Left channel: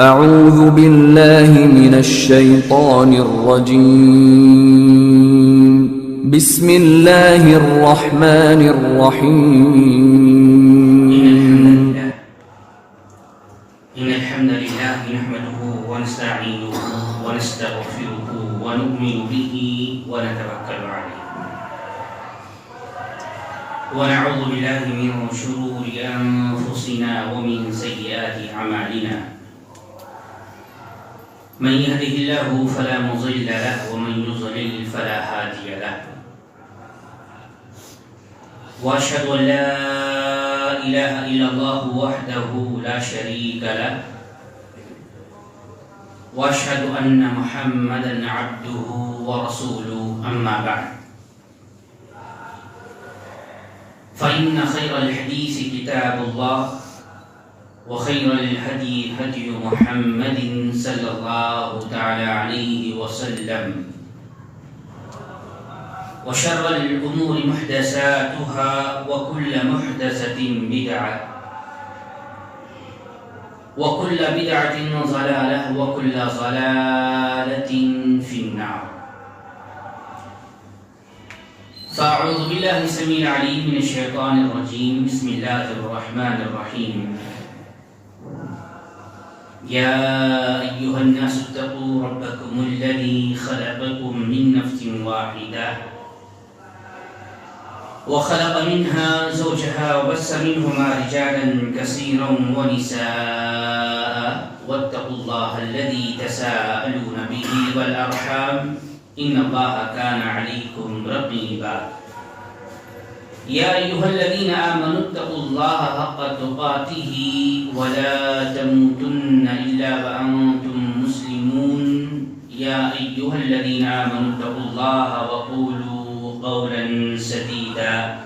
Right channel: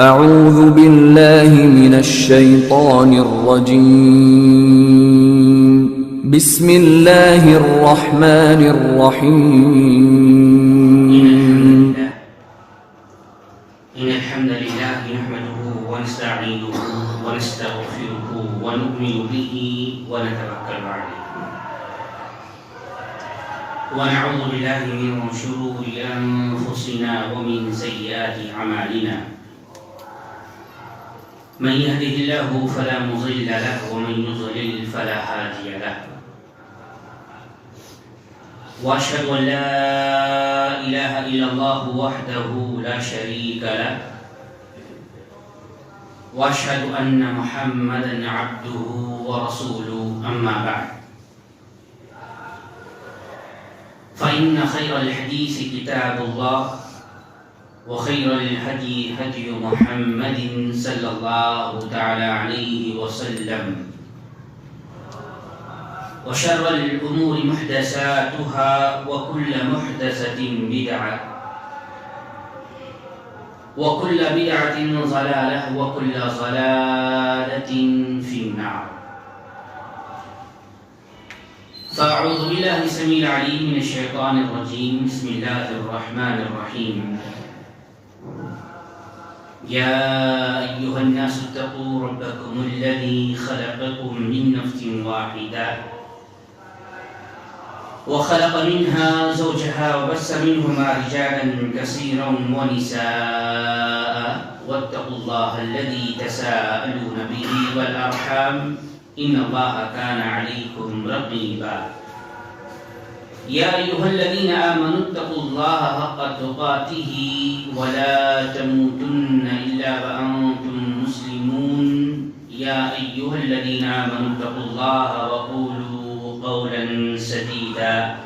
اعوذ باللہ من الشیطان الرجیم بسم اللہ الرحمن الرحیم إن الحمد لله نحمده ونستعينه ونستغفره ونؤمن به ونتوكل عليه ونعوذ بالله من شرور أنفسنا ومن سيئات أعمالنا من يهده الله فلا مضل له ومن يضلل فلا هادي له وأشهد أن لا إله إلا الله وحده لا شريك له وأشهد أن محمدا عبده ورسوله أما بعد فإن خير الحديث كتاب الله وخير الهدي هدي محمد صلى الله تعالى عليه وسلم وشر الأمور محدثاتها وكل محدثة بدعة وكل بدعة ضلالة وكل ضلالة في النار فأعوذ بالله السميع العليم من الشيطان الرجيم بسم الله الرحمن الرحيم يا أيها الناس اتقوا ربكم الذي خلقكم من نفس واحدة وخلق منها زوجها وبث منهما رجالا كثيرا ونساء واتقوا الله الذي تساءلون به والأرحام إن الله كان عليكم رقيبا يا أيها الذين آمنوا اتقوا الله حق تقاته ولا تموتن إلا وأنتم مسلمون يا أيها الذين آمنوا اتقوا الله وقولوا قولا سديدا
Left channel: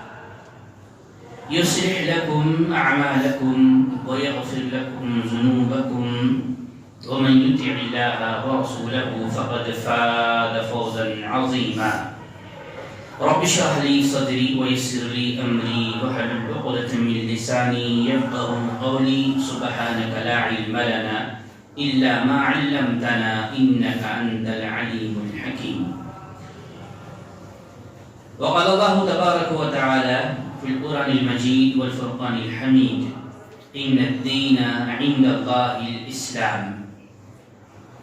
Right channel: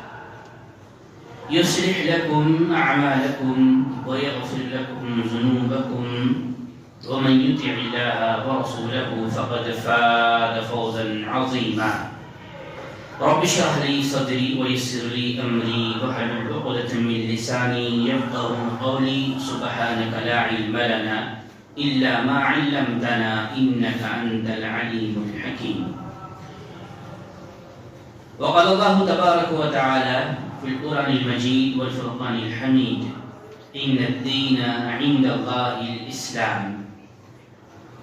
يصلح لكم أعمالكم ويغفر لكم ذنوبكم ومن يطع الله ورسوله فقد فاز فوزا عظيما رب اشرح لي صدري ويسر لي أمري واحلل عقدة من لساني يفقهوا قولي سبحانك لا علم لنا إلا ما علمتنا إنك أنت العليم الحكيم وقال الله تبارك وتعالى في القرآن المجيد والفرقان الحميد إن الدين عند الله الإسلام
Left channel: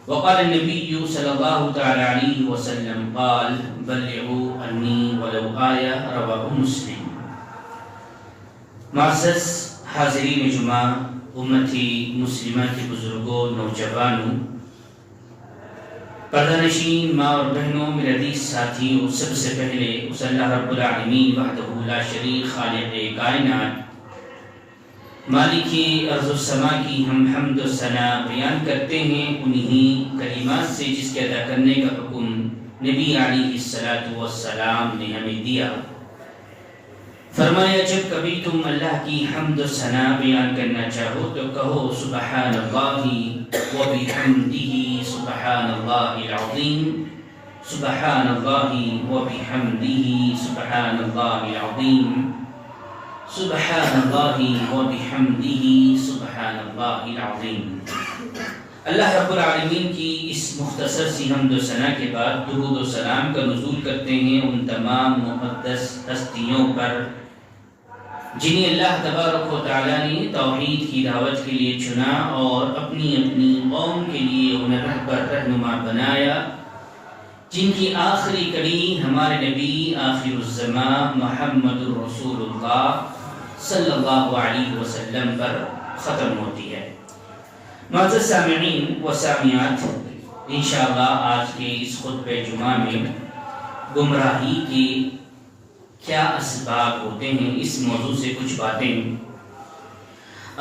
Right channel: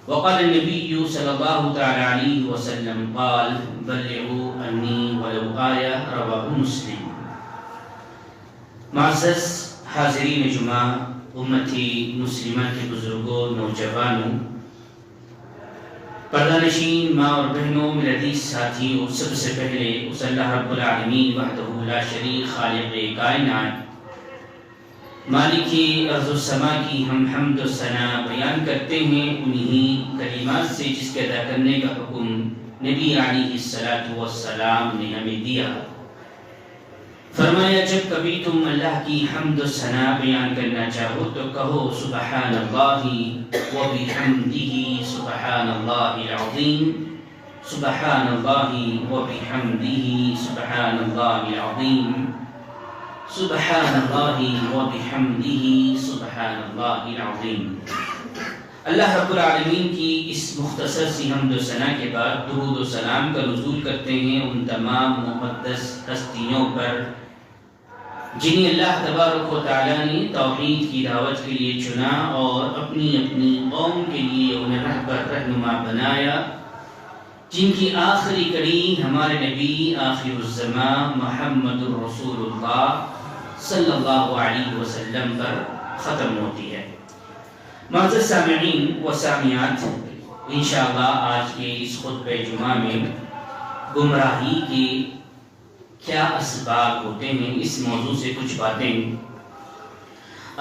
وقال النبي صلى الله تعالى عليه وسلم قال بلغوا عني ولو آية رواه مسلم معزز حاضرین جمعہ امتی مسلمہ کے بزرگوں نوجوانوں پردہ نشین ماں اور بہنوں میرے عزیز ساتھیوں سب سے پہلے اس اللہ رب العالمین وحدہ لا شریک خالق کائنات مالک ارض و سما کی ہم حمد و ثنا بیان کرتے ہیں انہی کلمات سے جس کے ادا کرنے کا حکم نبی علیہ الصلوۃ والسلام نے ہمیں دیا فرمایا جب کبھی تم اللہ کی حمد و ثنا بیان کرنا چاہو تو کہو سبحان اللہ و بحمدہ سبحان اللہ العظیم سبحان اللہ و بحمدہ سبحان اللہ العظیم سبحان اللہ و بحمدہ سبحان اللہ العظیم اللہ رب العالمین کی اس مختصر سی حمد و ثنا کے بعد درود و سلام کا نزول کرتے ہیں ان تمام مقدس ہستیوں پر جنہیں اللہ تبارک و تعالیٰ نے توحید کی دعوت کے لیے چنا اور اپنی اپنی قوم کے لیے انہیں رہبر رہنما بنایا جن کی آخری کڑی ہمارے نبی آخر الزمان محمد الرسول اللہ صلی اللہ علیہ وسلم پر ختم ہوتی ہے معزز سامعین و سامعات انشاءاللہ آج کے اس خطبہ جمعہ میں گمراہی کے کیا اسباب ہوتے ہیں اس موضوع سے کچھ باتیں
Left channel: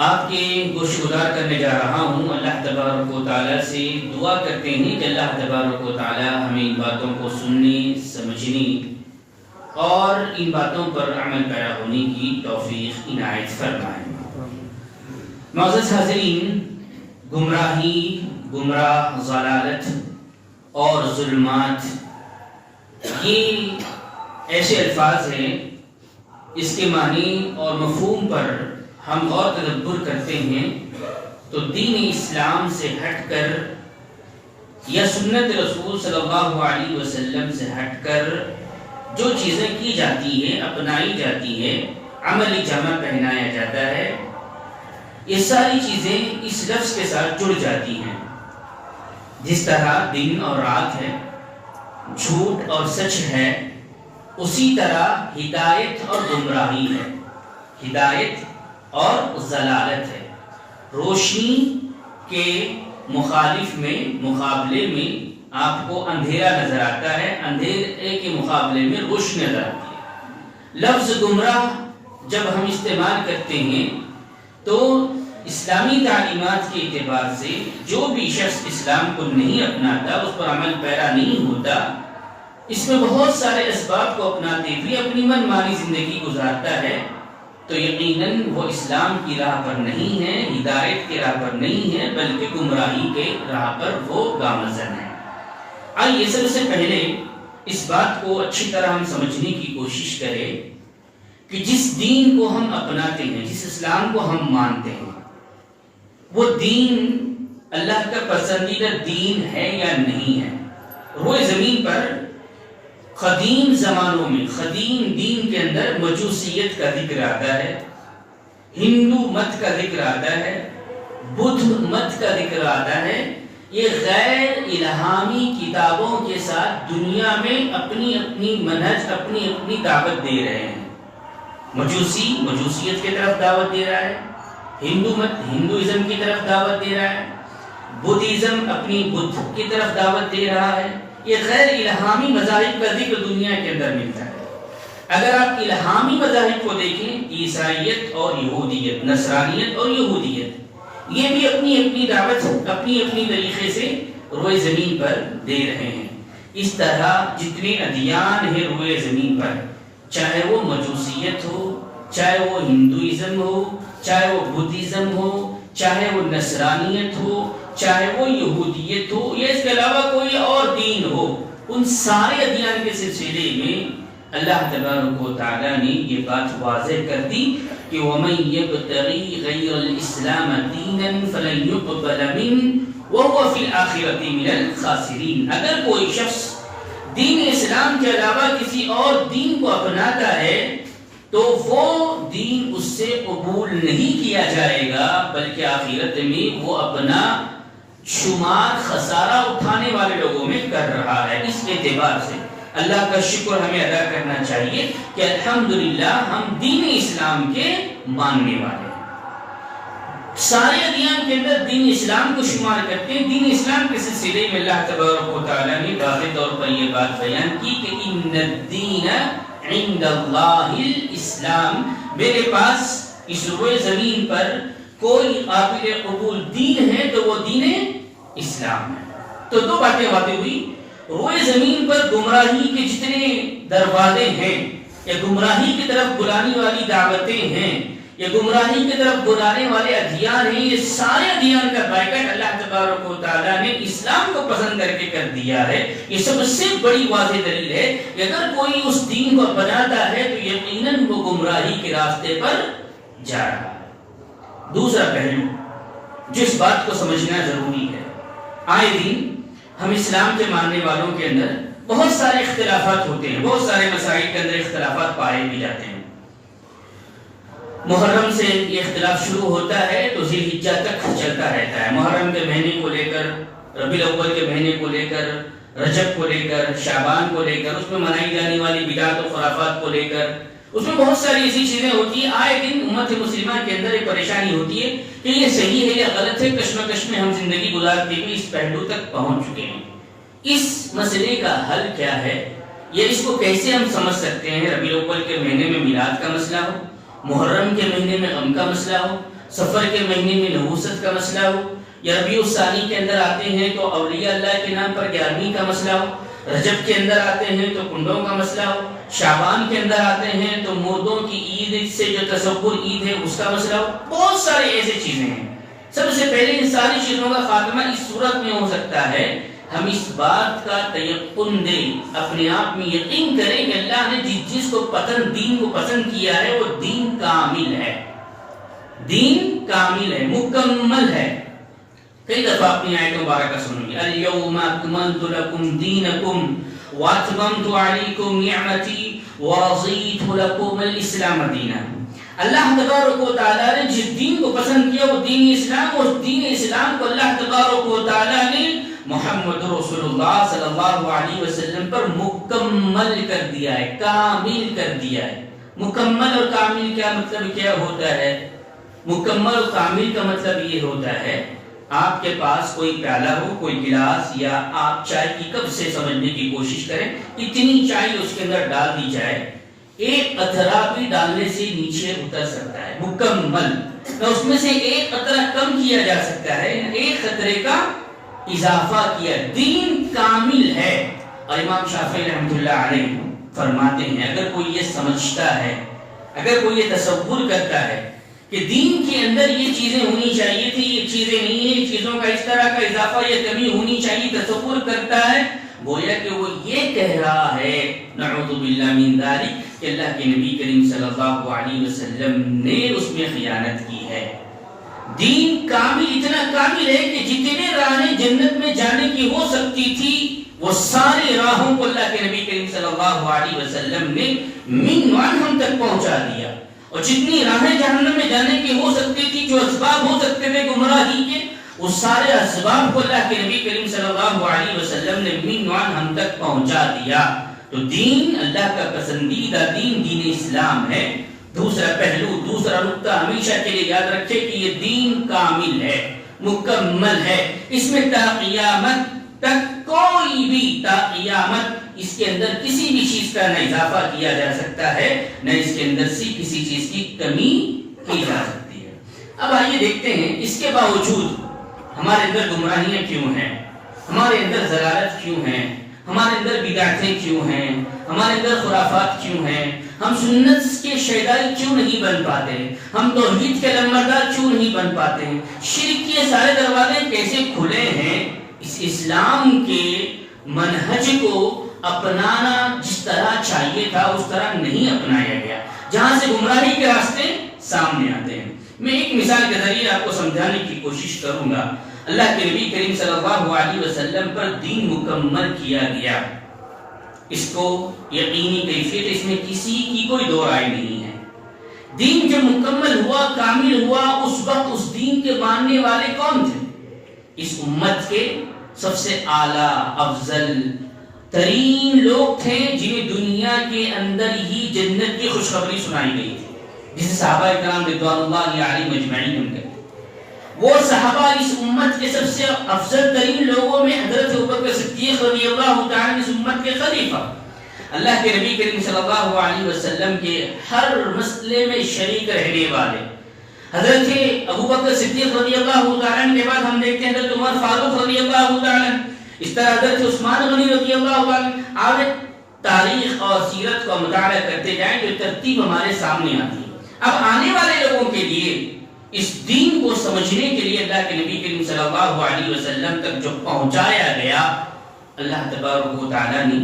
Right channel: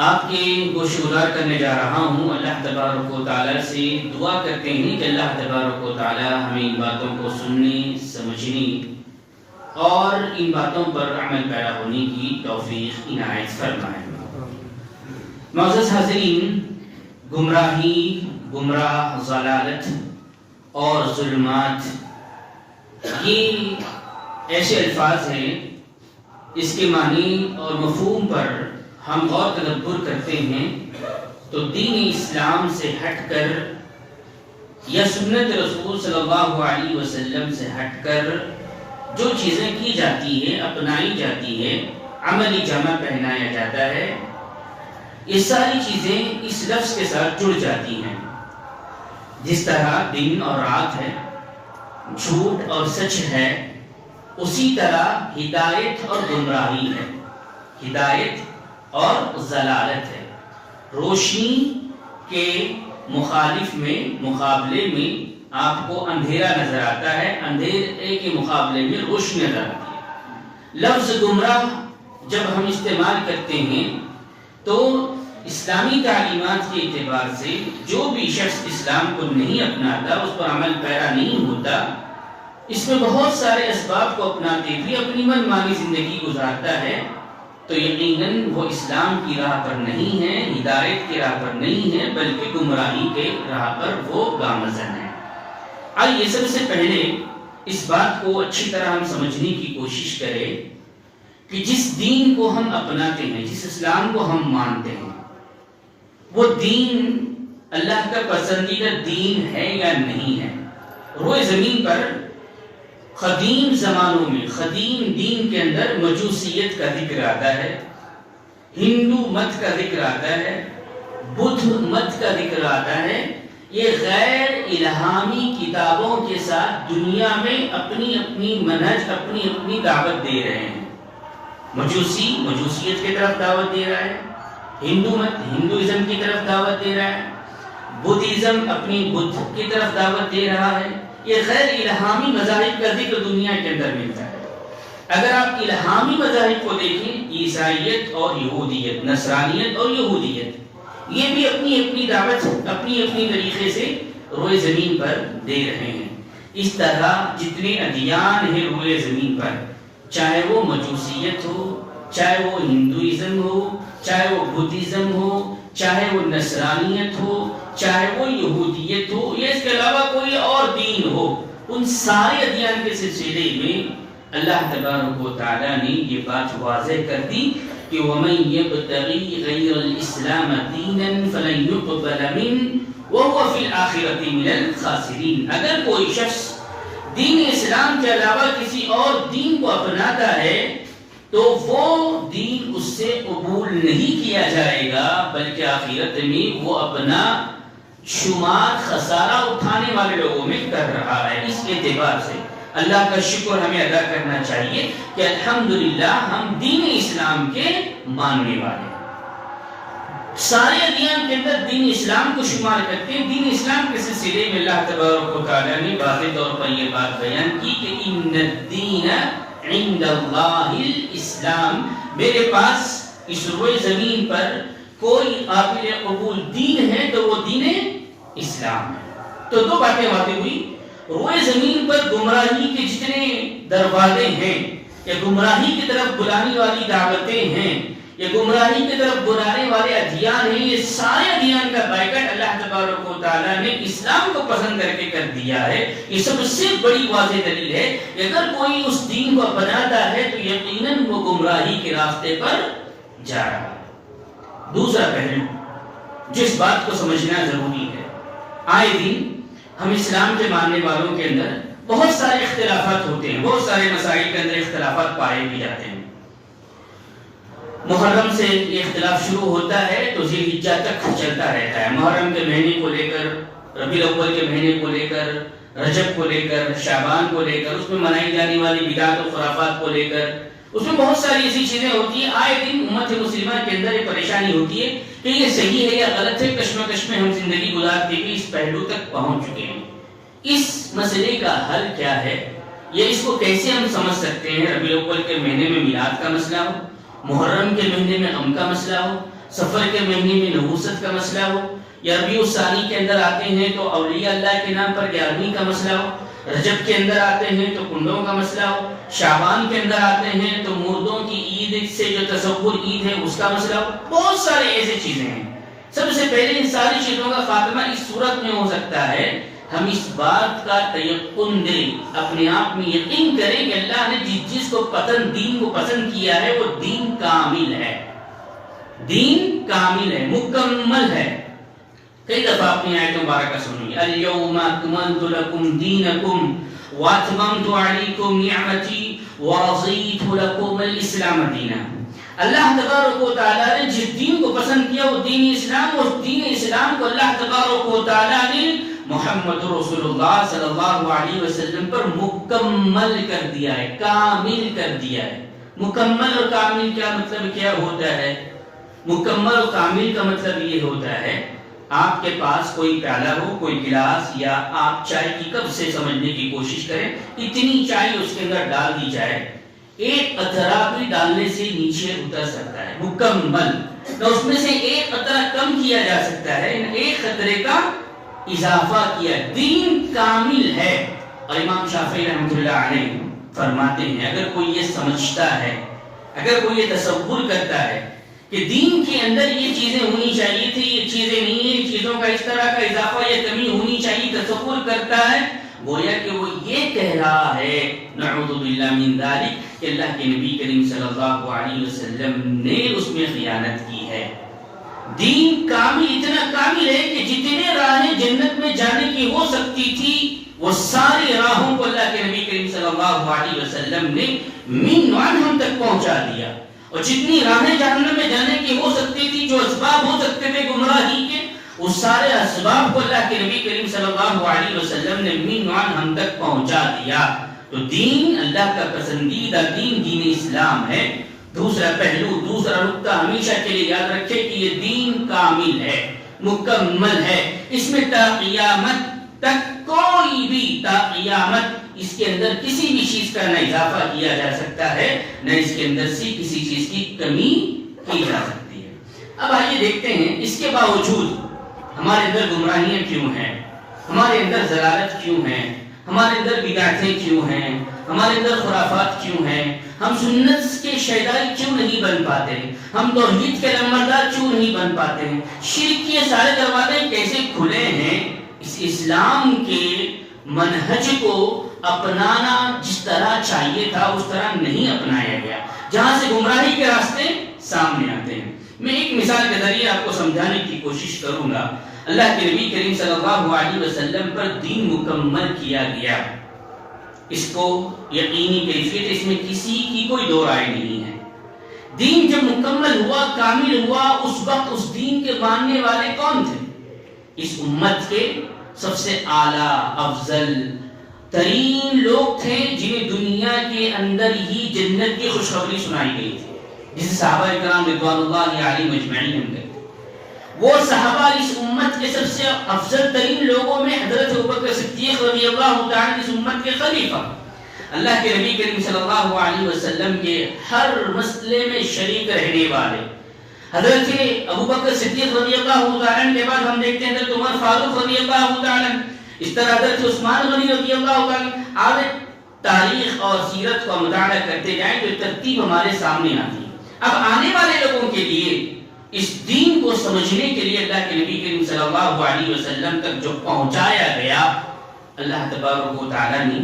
آپ کے گوشگزار کرنے جا رہا ہوں اللہ تبارک و تعالیٰ سے دعا کرتے ہیں کہ اللہ تبارک و تعالیٰ ہمیں ان باتوں کو سننے سمجھنے اور ان باتوں پر عمل پیرا ہونے کی توفیق عنایت فرمائے معزز حاضرین گمراہی گمراہ ضلالت اور ظلمات یہ ایسے الفاظ ہیں اس کے معنی اور مفہوم پر ہم غور تدبر کرتے ہیں تو دین اسلام سے ہٹ کر یا سنت رسول صلی اللہ علیہ وسلم سے ہٹ کر جو چیزیں کی جاتی ہیں، اپنائی جاتی ہیں، عملی جامہ پہنایا جاتا ہے، یہ ساری چیزیں اس لفظ کے ساتھ جڑ جاتی ہیں۔ جس طرح دن اور رات ہے، جھوٹ اور سچ ہے، اسی طرح ہدایت اور گمراہی ہے، ہدایت اور ضلالت ہے۔ روشنی کے مقابلے میں آپ کو اندھیرا نظر آتا ہے، اندھیرے کے مقابلے میں روشنی نظر آتی ہے۔ لفظ گمراہ جب ہم استعمال کرتے ہیں تو اسلامی تعلیمات کے اعتبار سے جو بھی شخص اسلام کو نہیں اپناتا، اس پر عمل پیرا نہیں ہوتا، اس میں بہت سارے اسباب کو اپناتے ہوئے اپنی من مانی زندگی گزارتا ہے، تو یقیناً وہ اسلام کی راہ پر نہیں ہے، ہدایت کی راہ پر نہیں ہے، بلکہ گمراہی کے راہ پر وہ گامزن ہے۔ آئیے سب سے پہلے اس بات کو اچھی طرح ہم سمجھنے کی کوشش کریں کہ جس دین کو ہم اپناتے ہیں، جس اسلام کو ہم مانتے ہیں، وہ دین اللہ کا پسندیدہ دین ہے یا نہیں ہے۔ روئے زمین پر قدیم زمانوں میں قدیم دین کے اندر مجوسیت کا ذکر آتا ہے، ہندو مت کا ذکر آتا ہے، بدھ مت کا ذکر آتا ہے۔ یہ غیر الہامی کتابوں کے ساتھ دنیا میں اپنی اپنی منہج، اپنی اپنی دعوت دے رہے ہیں۔ مجوسی مجوسیت کی طرف دعوت دے رہا ہے، ہندو مت ہندوازم کی طرف دعوت دے رہا ہے، بدھزم اپنی بدھ کی طرف دعوت دے رہا ہے۔ یہ غیر الہامی مذاہب کا ذکر دنیا کے اندر ملتا ہے۔ اگر آپ الہامی مذاہب کو دیکھیں، عیسائیت اور یہودیت، نصرانیت اور یہودیت، یہ بھی اپنی اپنی دعوت اپنی اپنی طریقے سے روئے زمین پر دے رہے ہیں۔ اس طرح جتنے ادیان ہیں روئے زمین پر، چاہے وہ مجوسیت ہو، چاہے وہ ہندوازم ہو، چاہے وہ بدھزم ہو، چاہے وہ نصرانیت ہو، چاہے وہ یہودیت ہو، یا اس کے علاوہ کوئی اور دین ہو، ان سارے ادیان کے سلسلے میں اللہ تبارک و تعالیٰ نے یہ بات واضح کر دی کہ وَمَن يَبْتَغِي غَيْرَ الْإِسْلَامَ دِينًا فَلَن يُقْبَلَ مِنْهُ وَهُوَ فِي الْآخِرَةِ مِنَ الْخَاسِرِينَ۔ اگر کوئی شخص دین اسلام کے علاوہ کسی اور دین کو اپناتا ہے تو وہ دین اس سے قبول نہیں کیا جائے گا، بلکہ آخرت میں وہ اپنا شمار خسارہ اٹھانے والے لوگوں میں کر رہا ہے۔ اس اعتبار سے اللہ کا شکر ہمیں ادا کرنا چاہیے کہ الحمدللہ ہم دین اسلام کے ماننے والے ہیں۔ سارے ادیان کے اندر دین اسلام کو شمار کرتے ہیں۔ دین اسلام کے سلسلے میں اللہ تبارک و تعالیٰ نے واضح طور پر یہ بات بیان کی کہ ان الدین عند اللہ الاسلام، میرے پاس اس روئے زمین پر کوئی قابل قبول دین ہے تو وہ دین اسلام ہے۔ تو دو باتیں واضح ہوئی، روئے زمین پر گمراہی کے جتنے دروازے ہیں یا گمراہی کی طرف بلانے والی دعوتیں ہیں یا گمراہی کی طرف بلانے والے ادیان ہیں، یہ سارے ادیان کا بائیکاٹ اللہ تبارک و تعالیٰ نے اسلام کو پسند کر کے کر دیا ہے۔ یہ سب سے بڑی واضح دلیل ہے کہ اگر کوئی اس دین کو اپناتا ہے تو یقیناً وہ گمراہی کے راستے پر جا رہا ہے۔ دوسرا پہلو جو اس بات کو سمجھنا ضروری ہے، آئے دن ہم اسلام کے ماننے والوں کے اندر بہت سارے اختلافات ہوتے ہیں، بہت سارے مسائل کے اندر اختلافات پائے بھی جاتے ہیں۔ محرم سے یہ اختلاف شروع ہوتا ہے تو ذی الحجہ تک چلتا رہتا ہے۔ محرم کے مہینے کو لے کر، ربیع الاول کے مہینے کو لے کر، رجب کو لے کر، شعبان کو لے کر، اس میں منائی جانے والی بدعات و خرافات کو لے کر، اس میں بہت ساری ایسی چیزیں ہوتی ہیں۔ آئے دن امت مسلمہ کے اندر ایک پریشانی ہوتی ہے کہ یہ صحیح ہے یا غلط ہے، کشمکش میں ہم زندگی گزارتے ہوئے اس پہلو تک پہنچ چکے ہیں۔ اس مسئلے کا حل کیا ہے، یہ اس کو کیسے ہم سمجھ سکتے ہیں؟ ربیع الاول کے مہینے میں میلاد کا مسئلہ ہو، محرم کے مہینے میں غم کا مسئلہ ہو، سفر کے مہینے میں نحوست کا مسئلہ ہو، یا ربیع الثانی کے اندر آتے ہیں تو اولیاء اللہ کے نام پر 11ویں کا مسئلہ ہو، رجب کے اندر آتے ہیں تو کنڈوں کا مسئلہ ہو، شعبان کے اندر آتے ہیں تو مردوں کی عید سے جو تصور عید ہے اس کا مسئلہ ہو، بہت سارے ایسے چیزیں ہیں۔ سب سے پہلے ان ساری چیزوں کا خاتمہ اس صورت میں ہو سکتا ہے ہم اس بات کا تیقن دیں، اپنے آپ میں یقین کریں کہ اللہ نے جس چیز کو دین کو پسند کیا ہے وہ دین کامل ہے، دین کامل ہے، مکمل ہے۔ کئی دفعہ اپنی آیت مبارکہ سنوں گی، الیوم اکملت لکم دینکم واتممت علیکم نعمتی ورضیت لکم الاسلام دینا۔ اللہ تبارک و تعالیٰ نے جس دین کو پسند کیا وہ دین اسلام، اور دین اسلام کو اللہ تبارک و تعالیٰ نے محمد رسول اللہ صلی اللہ علیہ وسلم پر مکمل کر دیا ہے، کامل کر دیا ہے۔ مکمل اور کامل کیا مطلب کیا ہوتا ہے؟ مکمل اور کامل کا مطلب یہ ہوتا ہے آپ کے پاس کوئی پیالہ ہو، کوئی گلاس، یا آپ چائے کی کپ سے سمجھنے کی کوشش کریں، اتنی چائے اس کے اندر ڈال دی جائے، ایک قطرہ بھی ڈالنے سے نیچے اتر سکتا ہے، مکمل نہ اس میں سے ایک قطرہ کم کیا جا سکتا ہے، ایک قطرے کا اضافہ کیا۔ دین کامل ہے۔ اور امام شافعی رحمۃ اللہ علیہ فرماتے ہیں اگر کوئی یہ سمجھتا ہے، اگر کوئی یہ تصور کرتا ہے کہ دین کے اندر یہ چیزیں ہونی چاہیے تھی، یہ چیزیں نہیں ہیں، چیزوں کا اس طرح کا اضافہ یا کمی ہونی چاہیے، تصور کرتا ہے، گویا کہ وہ یہ کہہ رہا ہے نعوذ باللہ من ذالک کہ اللہ کے نبی کریم صلی اللہ علیہ وسلم نے اس میں خیانت کی ہے۔ دین کامل، اتنا کامل ہے کہ جتنے راہیں جنت میں جانے کی ہو سکتی تھی وہ ساری راہوں کو اللہ کے نبی کریم صلی اللہ علیہ وسلم نے من وان ہم تک پہنچا دیا، اور جتنی راہیں جہنم میں جانے کی ہو سکتی تھی، جو اسباب ہو سکتے تھے گمراہی کے، اس سارے اسباب کو اللہ کے نبی کریم صلی اللہ علیہ وسلم نے من وان ہم تک پہنچا دیا۔ تو دین اللہ کا پسندیدہ دین دین اسلام ہے۔ دوسرا پہلو، دوسرا نقطہ ہمیشہ کے لیے یاد رکھے کہ یہ دین کامل ہے، مکمل ہے، اس میں تا قیامت تک کوئی بھی، تا قیامت اس کے اندر کسی بھی چیز کا نہ اضافہ کیا جا سکتا ہے، نہ اس کے اندر سے کسی چیز کی کمی کی جا سکتی ہے۔ اب آئیے دیکھتے ہیں اس کے باوجود ہمارے اندر گمراہیاں کیوں ہیں، ہمارے اندر ضلالت کیوں ہیں، ہمارے اندر بدعتیں کیوں ہیں، ہمارے اندر خرافات کیوں ہیں، ہم سنت کے شیدائی کیوں نہیں بن پاتے، ہم توحید کے علمبردار کیوں نہیں بن پاتے، شرک کے سارے دروازے کیسے کھلے ہیں۔ اس اسلام کے منہج کو اپنانا جس طرح چاہیے تھا اس طرح نہیں اپنایا گیا، جہاں سے گمراہی کے راستے سامنے آتے ہیں۔ میں ایک مثال کے ذریعے آپ کو سمجھانے کی کوشش کروں گا۔ اللہ کے نبی کریم صلی اللہ علیہ وسلم پر دین مکمل کیا گیا، اس کو یقینی کیفیت، اس میں کسی کی کوئی دو رائے نہیں ہے۔ دین جب مکمل ہوا، کامل ہوا، اس وقت اس دین کے ماننے والے کون تھے؟ اس امت کے سب سے اعلیٰ افضل ترین لوگ تھے جنہیں دنیا کے اندر ہی جنت کی خوشخبری سنائی گئی تھی، جسے صحابہ کرام رضوان اللہ علیہم اجمعین کہتے ہیں۔ وہ صحابہ اس امت کے سب سے افضل ترین لوگوں میں حضرت ابوبکر صدیق رضی اللہ تعالی اس امت کے خلیفہ، اللہ کے نبی کریم صلی اللہ علیہ وسلم کے ہر مسئلے میں شریک رہنے والے حضرت ابوبکر صدیق رضی اللہ تعالی کے بعد ہم دیکھتے ہیں حضرت عمر فاروق رضی اللہ تعالی، اس طرح حضرت عثمان غنی رضی اللہ تعالی۔ آپ تاریخ اور سیرت کا مطالعہ کرتے جائیں تو ترتیب ہمارے سامنے آتی ہے۔ اب آنے والے لوگوں کے لیے اس دین کو سمجھنے کے لیے اللہ کے نبی کریم صلی اللہ علیہ وسلم تک جو پہنچایا گیا، اللہ تبارک و تعالیٰ نے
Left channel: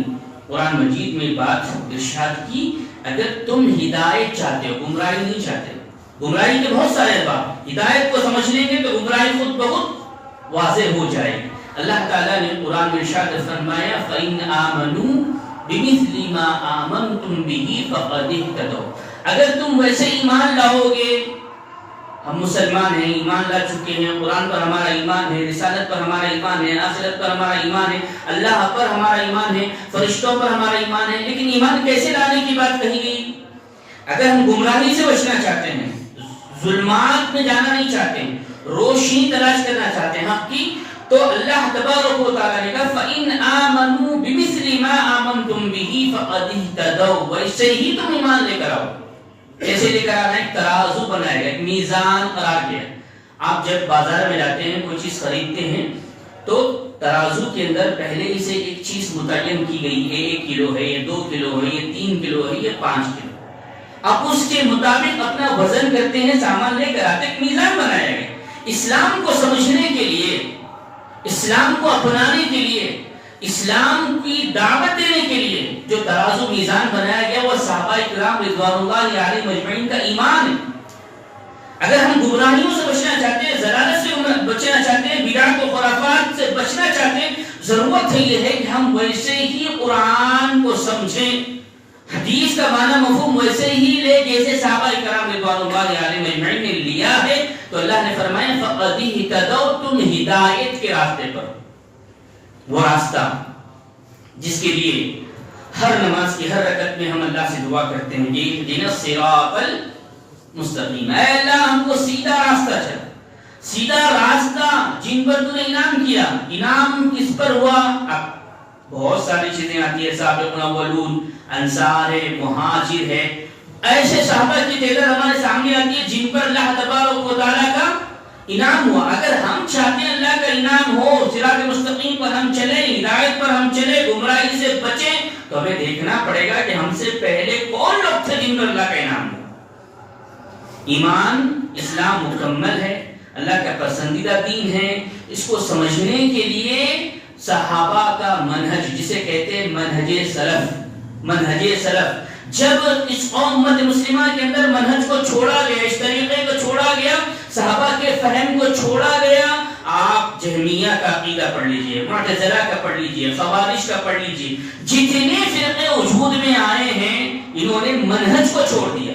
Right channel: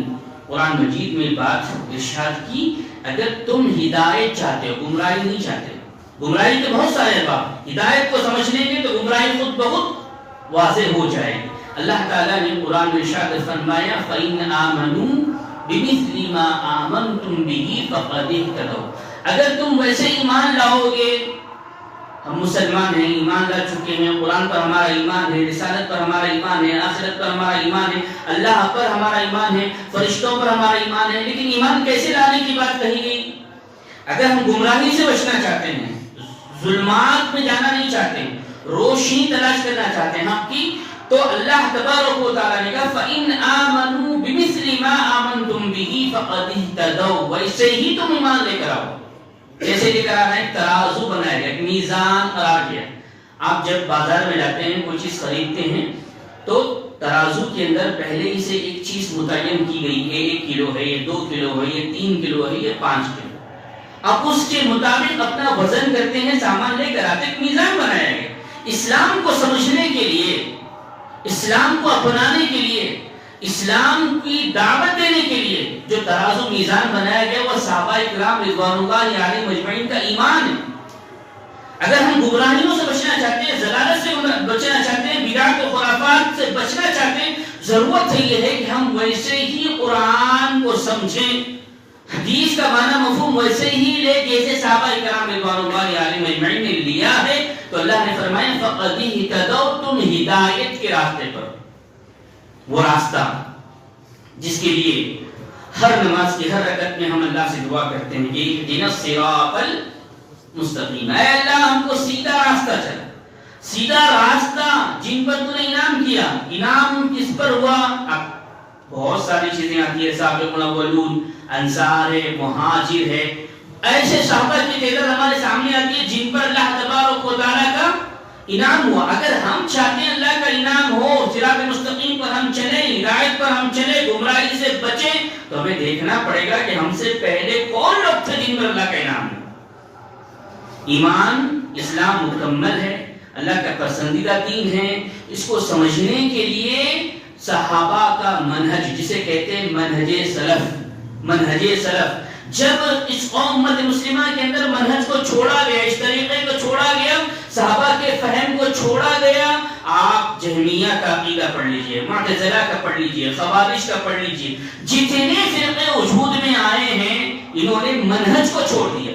قرآن مجید میں بات ارشاد کی، اگر تم ہدایت چاہتے ہو، گمراہی نہیں چاہتے، گمراہی کے بہت سارے اسباب، ہدایت کو سمجھ لیں گے تو گمراہی خود بہت واضح ہو جائے گی۔ اللہ تعالیٰ نے قرآن میں ارشاد فرمایا فَإِنْ آمَنُوا بِمِثْلِ مَا آمَنْتُمْ بِهِ فَقَدِ اهْتَدَوْا، اگر تم ویسے ایمان لاؤ گے، ہم مسلمان ہیں، ایمان لا چکے ہیں، قرآن پر ہمارا ایمان ہے، رسالت پر ہمارا ایمان ہے، آخرت پر ہمارا ایمان ہے، اللہ پر ہمارا ایمان ہے، فرشتوں پر ہمارا ایمان ہے، لیکن ایمان کیسے لانے کی بات کہی گئی؟ اگر ہم گمراہی سے بچنا چاہتے ہیں، ظلمات میں جانا نہیں چاہتے، روشنی تلاش کرنا چاہتے ہیں حق کی، تو اللہ تبارک و تعالیٰ نے کہا فَإِنْ آمَنُوا بِمِثْلِ مَا آمَنْتُمْ بِهِ فَقَدِ اهْتَدَوْا، ویسے ہی تم ایمان لے کر آؤ۔ ایسے لے کر آنا، ایک ترازو بنایا گیا، ایک میزان قرار گیا۔ آپ جب بازار میں جاتے ہیں، کوئی چیز خریدتے ہیں تو ترازو کے اندر پہلے ہی سے ایک چیز متعین کی گئی ہے، 1 کلو ہے، یہ 2 کلو ہے، یہ 3 کلو ہے، یہ 5 کلو۔ اب اس کے مطابق اپنا وزن کرتے ہیں، سامان لے کر آتے، ایک میزان بنایا گیا۔ اسلام کو سمجھنے کے لیے، اسلام کو اپنانے کے لیے، اسلام کی دعوت دینے کے لیے جو ترازو میزان بنایا گیا وہ صحابہ کرام رضوان اللہ علیہم اجمعین کا ایمان ہے۔ اگر ہم گمراہیوں سے بچنا چاہتے ہیں، ضلالت سے بچنا چاہتے ہیں، بدعت و خرافات سے بچنا چاہتے ہیں، ضرورت یہ ہے کہ ہم ویسے ہی قرآن کو سمجھیں، حدیث کا معنی مفہوم ویسے ہی لے جیسے صحابہ کرام رضوان اللہ علیہم اجمعین نے لیا ہے۔ تو اللہ نے فرمایا فَقَدِ اهْتَدَوْا، تم ہدایت کے راستے پر، وہ راستہ جس کے لیے ہر نماز کی ہر رکعت میں ہم اللہ سے دعا کرتے ہیں کہ اهْدِنَا الصِّرَاطَ الْمُسْتَقِيمَ، اے اللہ ہم کو سیدھا راستہ چل، سیدھا راستہ جن پر تو نے انعام کیا۔ انعام کس پر ہوا؟ اب بہت ساری چیزیں آتی ہے، سابقون اولون، انصار ہے، مہاجر ہے، ایسے صحابہ کی تعداد ہمارے سامنے آتی ہے جن پر اللہ تبارک و تعالیٰ کا انعام ہوا۔ اگر ہم چاہتے ہیں اللہ کا انعام ہو، صراط مستقیم پر ہم چلیں، ہدایت پر ہم چلیں، گمراہی سے بچیں، تو ہمیں دیکھنا پڑے گا کہ ہم سے پہلے کون لوگ تھے جن پر اللہ کا انعام ہوا۔ ایمان اسلام مکمل ہے، اللہ کا پسندیدہ دین ہے۔ اس کو سمجھنے کے لیے صحابہ کا منہج، جسے کہتے ہیں منہج سلف، منہج سلف، جب اس امت مسلمہ کے اندر منہج کو چھوڑا گیا، اس طریقے کو چھوڑا گیا، صحابہ کے فہم کو چھوڑا گیا، آپ جہمیہ کا عقیدہ پڑھ لیجئے، معتزلہ کا پڑھ لیجئے، خوارج کا پڑھ لیجئے، جتنے فرقے وجود میں آئے ہیں انہوں نے منہج کو چھوڑ دیا۔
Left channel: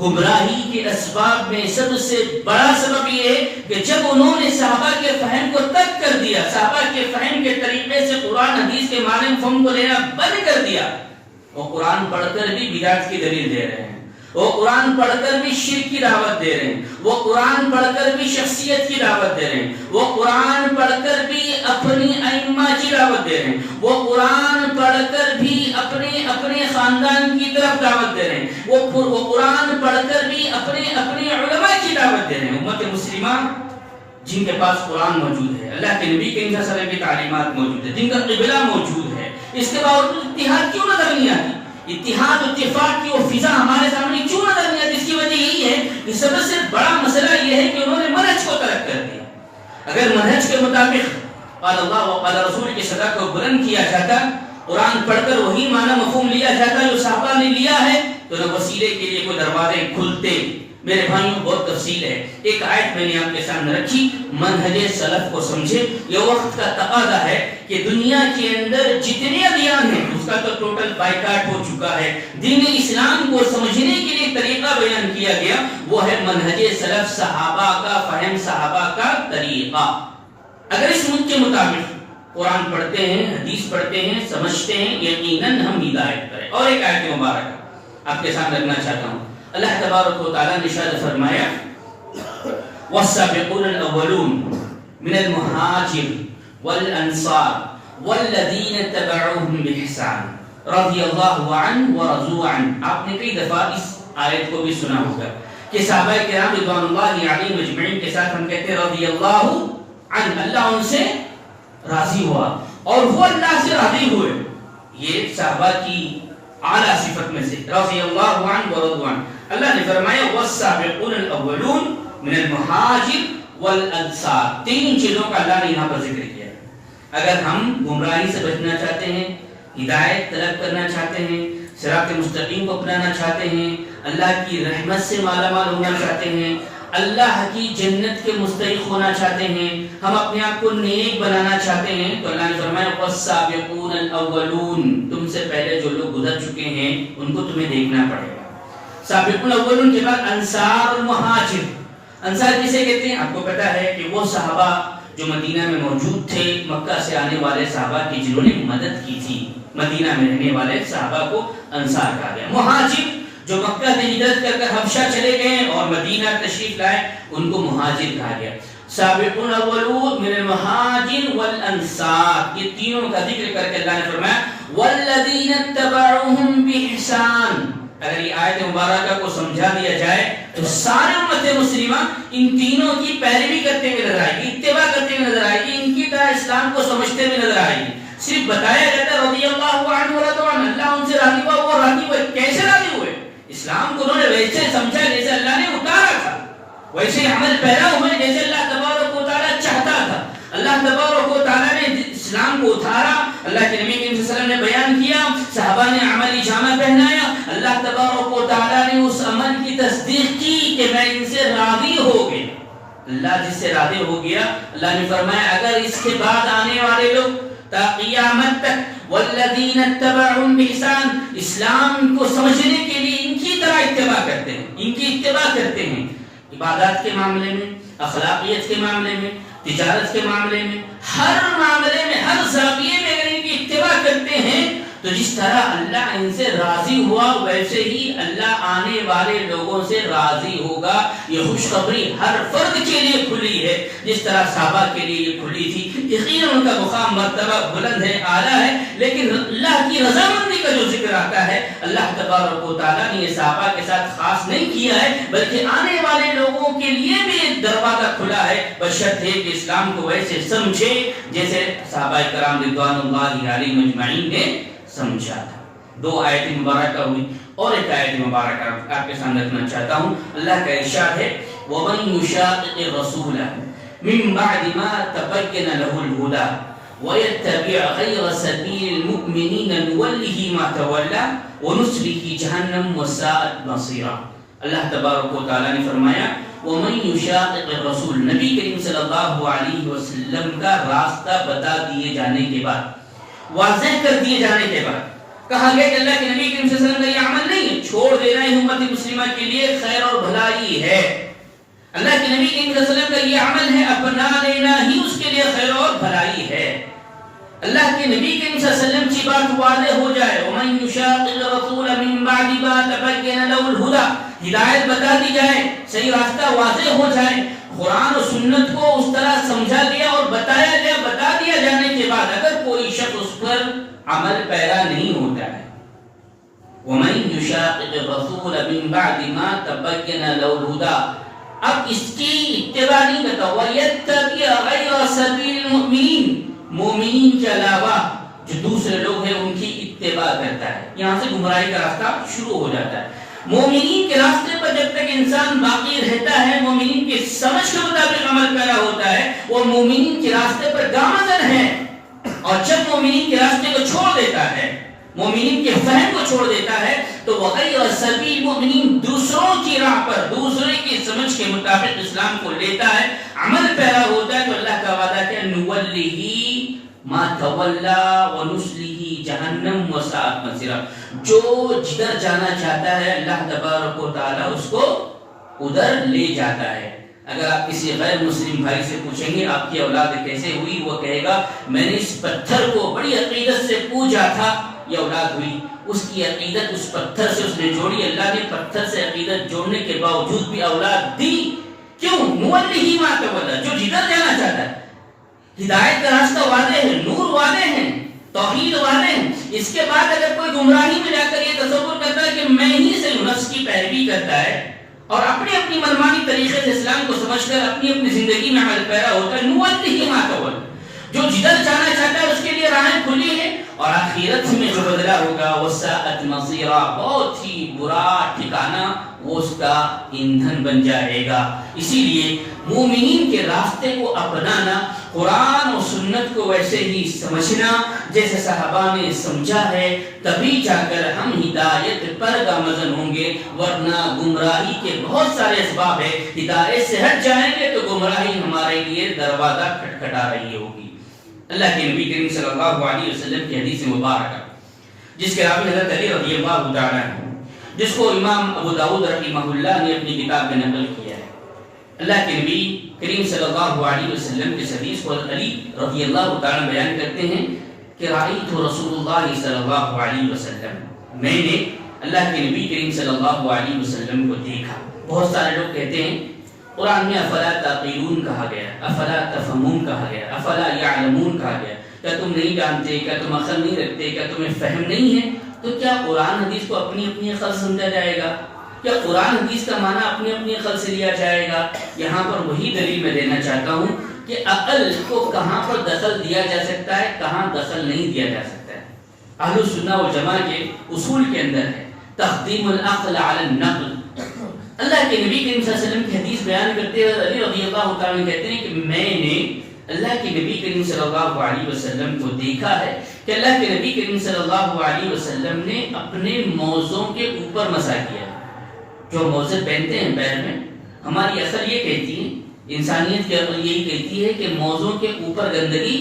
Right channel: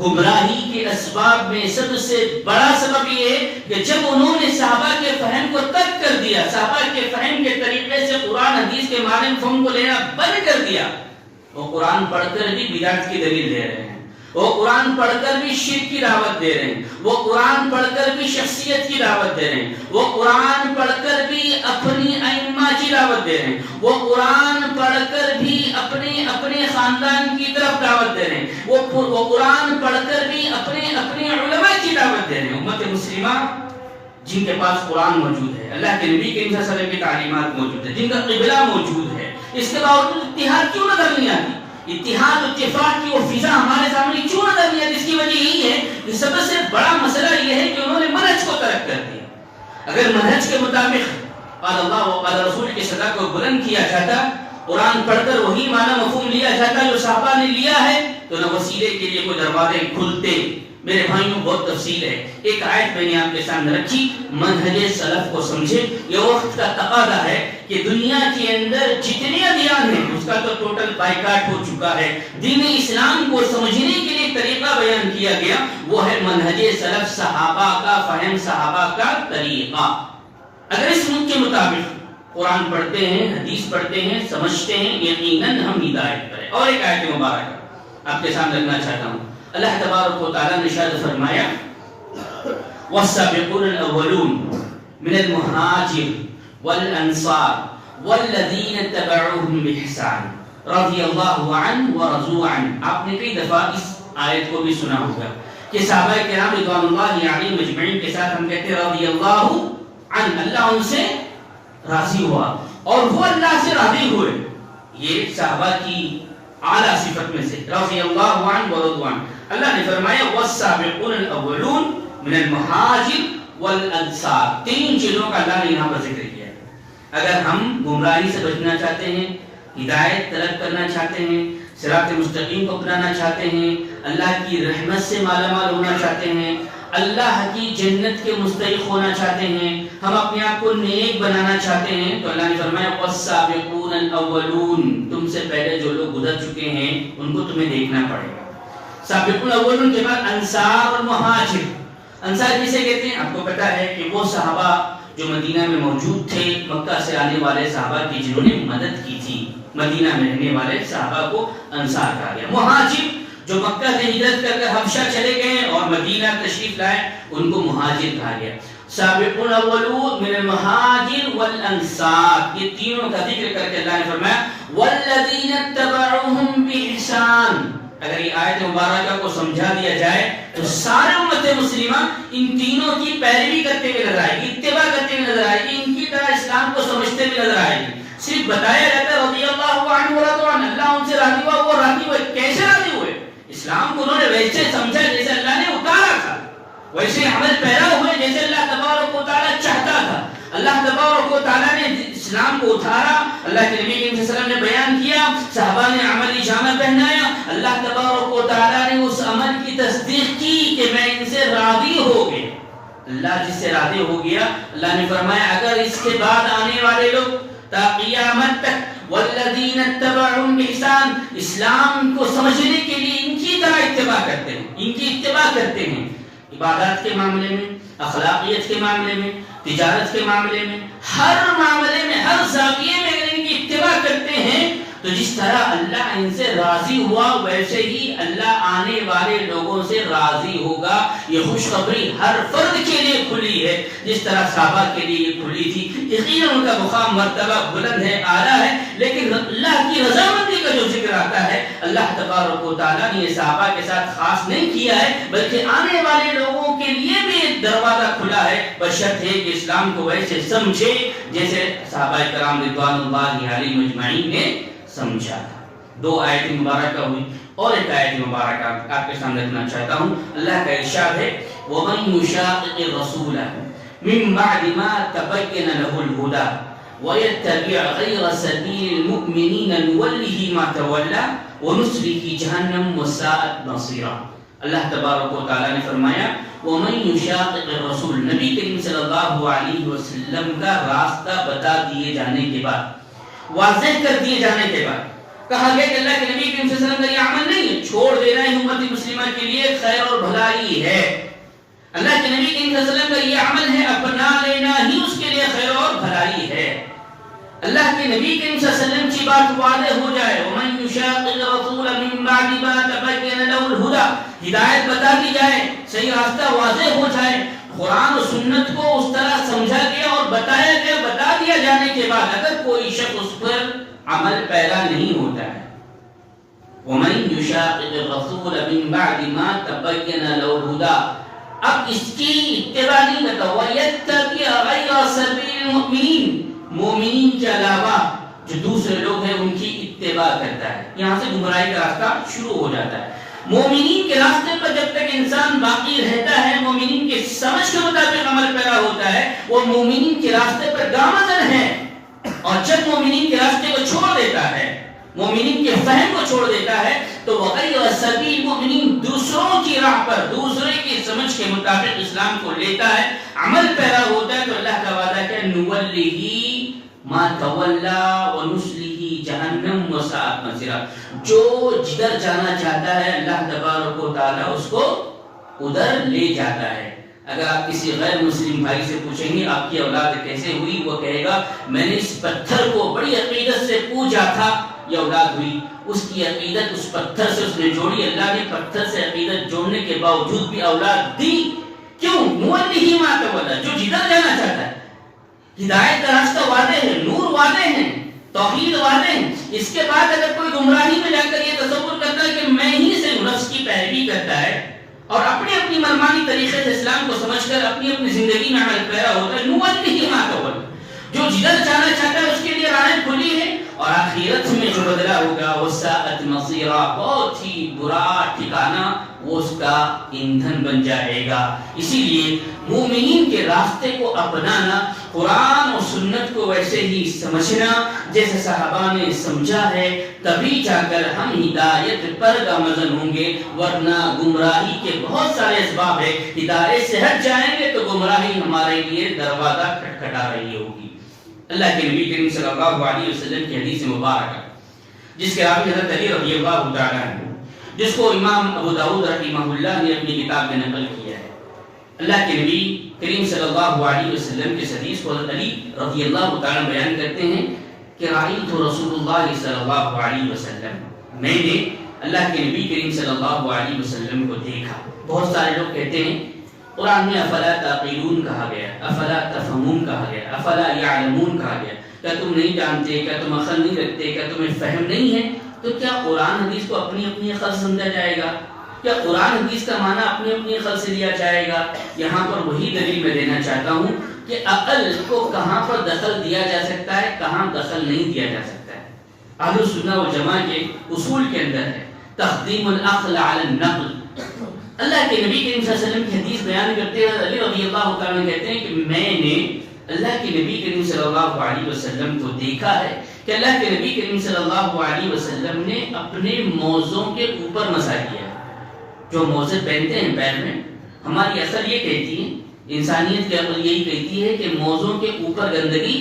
گمراہی کے اسباب میں سب سے بڑا سبب یہ ہے کہ جب انہوں نے صحابہ کے فہم کو ترک کر دیا، صحابہ کے فہم کے طریقے سے قرآن حدیث کے معنی مفہوم کو لینا بند کر دیا، وہ قرآن پڑھ کر بھی بدعت کی دلیل دے رہے ہیں، وہ قرآن پڑھ کر بھی شرک کی دعوت دے رہے ہیں، وہ قرآن پڑھ کر بھی شخصیت کی دعوت دے رہے ہیں، وہ قرآن پڑھ کر بھی اپنی ائمہ کی دعوت دے رہے ہیں، وہ قرآن پڑھ کر بھی اپنے خاندان کی طرف دعوت دے رہے ہیں، وہ قرآن پڑھ کر بھی اپنے علماء کی دعوت دے رہے ہیں۔ امت مسلمہ جن کے پاس قرآن موجود ہے، اللہ کے نبی کے وسلم کی تعلیمات موجود ہے، جن کا قبلہ موجود ہے، اس کے باوجود اتحاد کیوں نظر نہیں آتی؟ اتحاد اتفاق کی وہ فضا ہمارے سامنے کیوں نظر نہیں آتی؟ اس کی وجہ یہی ہے کہ سب سے بڑا مسئلہ یہ ہے کہ انہوں نے منہج کو ترک کر دیا۔ اگر منہج کے مطابق قال اللہ و قال رسول کی صدا کو بلند کیا جاتا، قرآن پڑھ کر وہی معنی مفہوم لیا جاتا جو صحابہ نے لیا ہے، تو نہ وسیلے کے لیے کوئی دروازے کھلتے۔ میرے بھائیوں بہت تفصیل ہے، ایک آیت میں نے آپ کے سامنے رکھی، منہج سلف کو سمجھے۔ یہ وقت کا تقاضا ہے کہ دنیا کے اندر جتنے ادیان ہیں اس کا تو ٹوٹل بائیکاٹ ہو چکا ہے، دین اسلام کو سمجھنے کے لیے طریقہ بیان کیا گیا، وہ ہے منہج سلف، صحابہ کا فہم، صحابہ کا طریقہ۔ اگر اس منہج کے مطابق قرآن پڑھتے ہیں، حدیث پڑھتے ہیں، سمجھتے ہیں، یقیناً ہم ہدایت پر ہیں۔ اور ایک آیت مبارکہ آپ کے سامنے رکھنا چاہتا ہوں، اللہ تبارک و تعالیٰ نے ارشاد فرمایا والسابقون الاولون من المہاجر والانصار والذین اتبعوهم بإحسان رضی اللہ عنہ ورضوا عنہ۔ آپ نے کئی دفعہ اس آیت کو بھی سنا ہوگا کہ صحابہ کرام رضوان اللہ علیہم اجمعین کے ساتھ ہم کہتے ہیں رضی اللہ عنہ، اللہ ان سے راضی ہوا اور وہ اللہ سے راضی ہوئے۔ یہ صحابہ کی اعلیٰ صفت میں سے رضی اللہ عنہ ورضوا عنہ۔ اللہ نے فرمایا والسابقون الاولون من المہاجر والانصار، تین چیزوں کا اللہ نے یہاں پر ذکر کیا ہے۔ اگر ہم گمراہی سے بچنا چاہتے ہیں، ہدایت طلب کرنا چاہتے ہیں، صراط مستقیم کو اپنانا چاہتے ہیں، اللہ کی رحمت سے مالا مال ہونا چاہتے ہیں، اللہ کی جنت کے مستحق ہونا چاہتے ہیں، ہم اپنے آپ کو نیک بنانا چاہتے ہیں، تو اللہ نے فرمایا والسابقون الاولون، تم سے پہلے جو لوگ گزر چکے ہیں ان کو تمہیں دیکھنا پڑے گا۔ سابقون الاولون کے بعد انصار اور مہاجر۔ انصار کسے کہتے ہیں؟ آپ کو پتا ہے کہ وہ صحابہ جو مدینہ میں موجود تھے، مکہ سے آنے والے صحابہ کی جنہوں نے مدد کی تھی، مدینہ میں رہنے والے صحابہ کو انصار کہا گیا۔ مہاجر جو مکہ سے ہجرت کر کر حبشہ چلے گئے اور مدینہ تشریف لائے، ان کو مہاجر کہا گیا۔ سابقون الاولون من المہاجر والانصار، یہ تینوں کا ذکر کر کے اللہ نے فرمایا والذین اتبعوهم بإحسان۔ اگر یہ آیت مبارکہ کو سمجھا دیا جائے تو سارے امت مسلمہ ان تینوں کی پیروی کرتے ہوئے نظر آئے گی، اتباع کرتے ہوئے نظر آئے گی، ان کی طرح اسلام کو سمجھتے ہوئے نظر آئے گی۔ صرف بتایا جاتا ہے رضی اللہ عنہ ورضوا عنہ، اللہ ان سے راضی ہوا، وہ راضی ہوئے۔ کیسے راضی ہوئے؟ اسلام کو انہوں نے ویسے سمجھا جیسے اللہ نے اتارا تھا، ویسے عمل پیرا ہوئے جیسے اللہ تبارک و تعالیٰ چاہتا تھا۔ اللہ تبارک و تعالیٰ نے اسلام کو اتارا، اللہ کے نبی صلی اللہ علیہ وسلم نے بیان کیا، صحابہ نے عملی جامہ پہنایا، اللہ تبارک و تعالیٰ نے اس عمل کی تصدیق کی کہ میں ان سے راضی ہو گیا. اللہ جس سے راضی ہو گیا، اللہ نے فرمایا اگر اس کے بعد آنے والے لوگ تا قیامت تک والذین اتبعوا بإحسان اسلام کو سمجھنے کے لیے ان کی طرح اتباع کرتے ہیں، ان کی اتباع کرتے ہیں، عبادات کے معاملے میں، اخلاقیت کے معاملے میں، تجارت کے معاملے میں، ہر معاملے میں، ہر زاویے میں اگر ان کی اتباع کرتے ہیں تو جس طرح اللہ ان سے راضی ہوا ویسے ہی اللہ آنے والے لوگوں سے راضی ہوگا. یہ خوشخبری ہر فرد کے لیے کھلی ہے، جس طرح صحابہ کے لیے یہ کھلی تھی. یقیناً ان کا مقام مرتبہ بلند ہے، اعلیٰ ہے، لیکن اللہ کی رضامندی کا جو ذکر آتا ہے اللہ تبارک و تعالیٰ نے یہ صحابہ کے ساتھ خاص نہیں کیا ہے، بلکہ آنے والے لوگوں کے لیے بھی ایک دروازہ کھلا ہے، بشرط ہے کہ اسلام کو ویسے سمجھے جیسے صحابہ کرام رضوان اللہ علیہم اجمعین نے سمجھا تھا. 2 آیت مبارکہ ہوئی اور ایک آیت مبارکہ آپ کے سامنے رکھنا چاہتا ہوں. اللہ کا ارشاد ہے وَمَن يُشَاقِقِ الرَّسُولَ مِن بَعْدِ مَا تَبَيَّنَ لَهُ الْهُدَى وَيَتَّبِعْ غَيْرَ سَبِيلِ الْمُؤْمِنِينَ نُوَلِّهِ مَا تَوَلَّى وَنُصْلِهِ جَهَنَّمَ وَسَاءَتْ مَصِيرًا. اللہ تبارک و تعالیٰ نے فرمایا وَمَن يُشَاقِقِ الرَّسُولَ نبی کریم صلی اللہ علیہ وسلم کا راستہ بتا دیے جانے کے بعد، واضح کر دیے جانے کے بعد کہا گیا کہ اللہ کے نبی کریم صلی اللہ علیہ وسلم کا یہ عمل نہیں ہے، چھوڑ دینا ہی امت مسلمہ کے لیے خیر اور بھلائی ہے. اللہ کے نبی کریم صلی اللہ علیہ وسلم کا یہ عمل ہے، اپنا لینا ہی اس کے لیے خیر اور بھلائی ہے. اللہ کے نبی کریم صلی اللہ علیہ وسلم کی بات واضح ہو جائے وَمَن يُشَاقِقِ الرَّسُولَ مِن بَعْدِ مَا تَبَيَّنَ لَهُ الْهُدَى ہدایت بتا دی جائے، صحیح راستہ واضح ہو جائے، قرآن و سنت کو اس طرح سمجھا گیا اور بتایا گیا، بتا دیا جانے کے بعد اگر کوئی شخص اس پر عمل پیرا نہیں ہوتا ہے وَمَن يُشَاقِقِ الرَّسُولَ مِن بَعْدِ مَا تَبَيَّنَ لَهُ الْهُدَى اب اس کی اتباع نہیں کرتا وَيَتَّبِعْ غَيْرَ سَبِيلِ الْمُؤْمِنِينَ مومنین کے علاوہ جو دوسرے لوگ ہیں ان کی اتباع کرتا ہے. یہاں سے گمراہی کا راستہ شروع ہو جاتا ہے. مومنین کے راستے پر جب تک انسان باقی رہتا ہے، مومنین کے سمجھ کے مطابق عمل پیرا ہوتا ہے، وہ مومنین کے راستے پر گامزن ہے. اور جب مومنین کے راستے کو چھوڑ دیتا ہے، مومنین کے فہم کو چھوڑ دیتا ہے تو وغیر سبیل مومنین دوسروں کی راہ پر دوسرے کی سمجھ کے مطابق اسلام کو لیتا ہے، عمل پیرا ہوتا ہے، تو اللہ کا وعدہ کہ نُوَلِّهِ مَا تَوَلَّى وَنُصْلِهِ جَهَنَّمَ وَسَاءَتْ مَصِيرًا جو جدھر جانا چاہتا ہے اللہ تبارک و تعالیٰ اس کو ادھر لے جاتا ہے. اگر آپ کسی غیر مسلم بھائی سے پوچھیں گے آپ کی اولاد کیسے ہوئی، وہ کہے گا میں نے اس پتھر کو بڑی عقیدت سے پوجا تھا یہ اولاد ہوئی. اس کی عقیدت اس پتھر سے اس نے جوڑی، اللہ نے پتھر سے عقیدت جوڑنے کے باوجود بھی اولاد دی. کیوں؟ نُوَلِّهِ مَا تَوَلَّى جو جدھر جانا چاہتا ہے. ہدایت کا راستہ واضح ہے، نور واضح ہے، توحید واضح ہے. اس کے بعد اگر کوئی گمراہی میں جا کر یہ تصور کرتا ہے کہ میں ہی سے نفس کی پیروی کرتا ہے اور اپنی اپنی منمانی طریقے سے اسلام کو سمجھ کر اپنی اپنی زندگی میں عمل پیرا ہوتا ہے، نُوَلِّهِ مَا تَوَلَّى جو جدھر جانا چاہتا ہے اس کے لیے راہیں کھلی ہے اور آخرت میں جو بدلہ ہوگا وَسَاءَتْ مَصِيرًا بہت ہی برا ٹھکانہ وہ اس کا ایندھن بن جائے گا. اسی لیے مومنین کے راستے کو اپنانا، قرآن اور سنت کو ویسے ہی سمجھنا جیسے صحابہ نے سمجھا ہے، تبھی جا کر ہم ہدایت پر گامزن ہوں گے. ورنہ گمراہی کے بہت سارے اسباب ہیں، ہدایت سے ہٹ جائیں گے تو گمراہی ہمارے لیے دروازہ کھٹکھٹا رہی ہوگی. اللہ کے نبی کریم صلی اللہ علیہ وسلم کی حدیث مبارکہ جس کے راوی حضرت علی رضی اللہ تعالیٰ عنہ، جس کو امام ابو داؤد رحمہ اللہ نے اپنی کتاب میں نقل کیا ہے. اللہ کے نبی کریم صلی اللہ علیہ وسلم کی حدیث کو حضرت علی رضی اللہ تعالیٰ بیان کرتے ہیں کہ رأیت رسول اللہ صلی اللہ علیہ وسلم میں نے اللہ کے نبی کریم صلی اللہ علیہ وسلم کو دیکھا. بہت سارے لوگ کہتے ہیں قرآن میں افلا تعقلون کہا گیا، افلا تفہمون کہا گیا، افلا یعلمون کہا گیا. کیا تم نہیں جانتے، کیا تم عقل نہیں رکھتے، کیا تمہیں فہم نہیں ہے؟ تو کیا قرآن حدیث کو اپنی اپنی عقل سمجھا جائے گا؟ کیا قرآن حدیث کا معنی اپنی اپنی عقل سے لیا جائے گا؟ یہاں پر وہی دلیل میں دینا چاہتا ہوں کہ عقل کو کہاں پر دخل دیا جا سکتا ہے، کہاں دخل نہیں دیا جا سکتا ہے. اہل السنہ والجماعہ کے اصول کے اندر ہے تقدیم العقل علی النقل. اللہ کے نبی کریم صلی اللہ علیہ وسلم کی حدیث بیان کرتے ہیں، علی رضی اللہ تعالیٰ کہتے ہیں کہ میں نے اللہ کے نبی کریم صلی اللہ علیہ وسلم کو دیکھا ہے کہ اللہ کے نبی کریم صلی اللہ علیہ وسلم نے اپنے موزوں کے اوپر مسح کیا. جو موزے پہنتے ہیں پیر میں ہماری اصل یہ کہتی ہے، انسانیت کی عقل یہی کہتی ہے کہ موزوں کے اوپر گندگی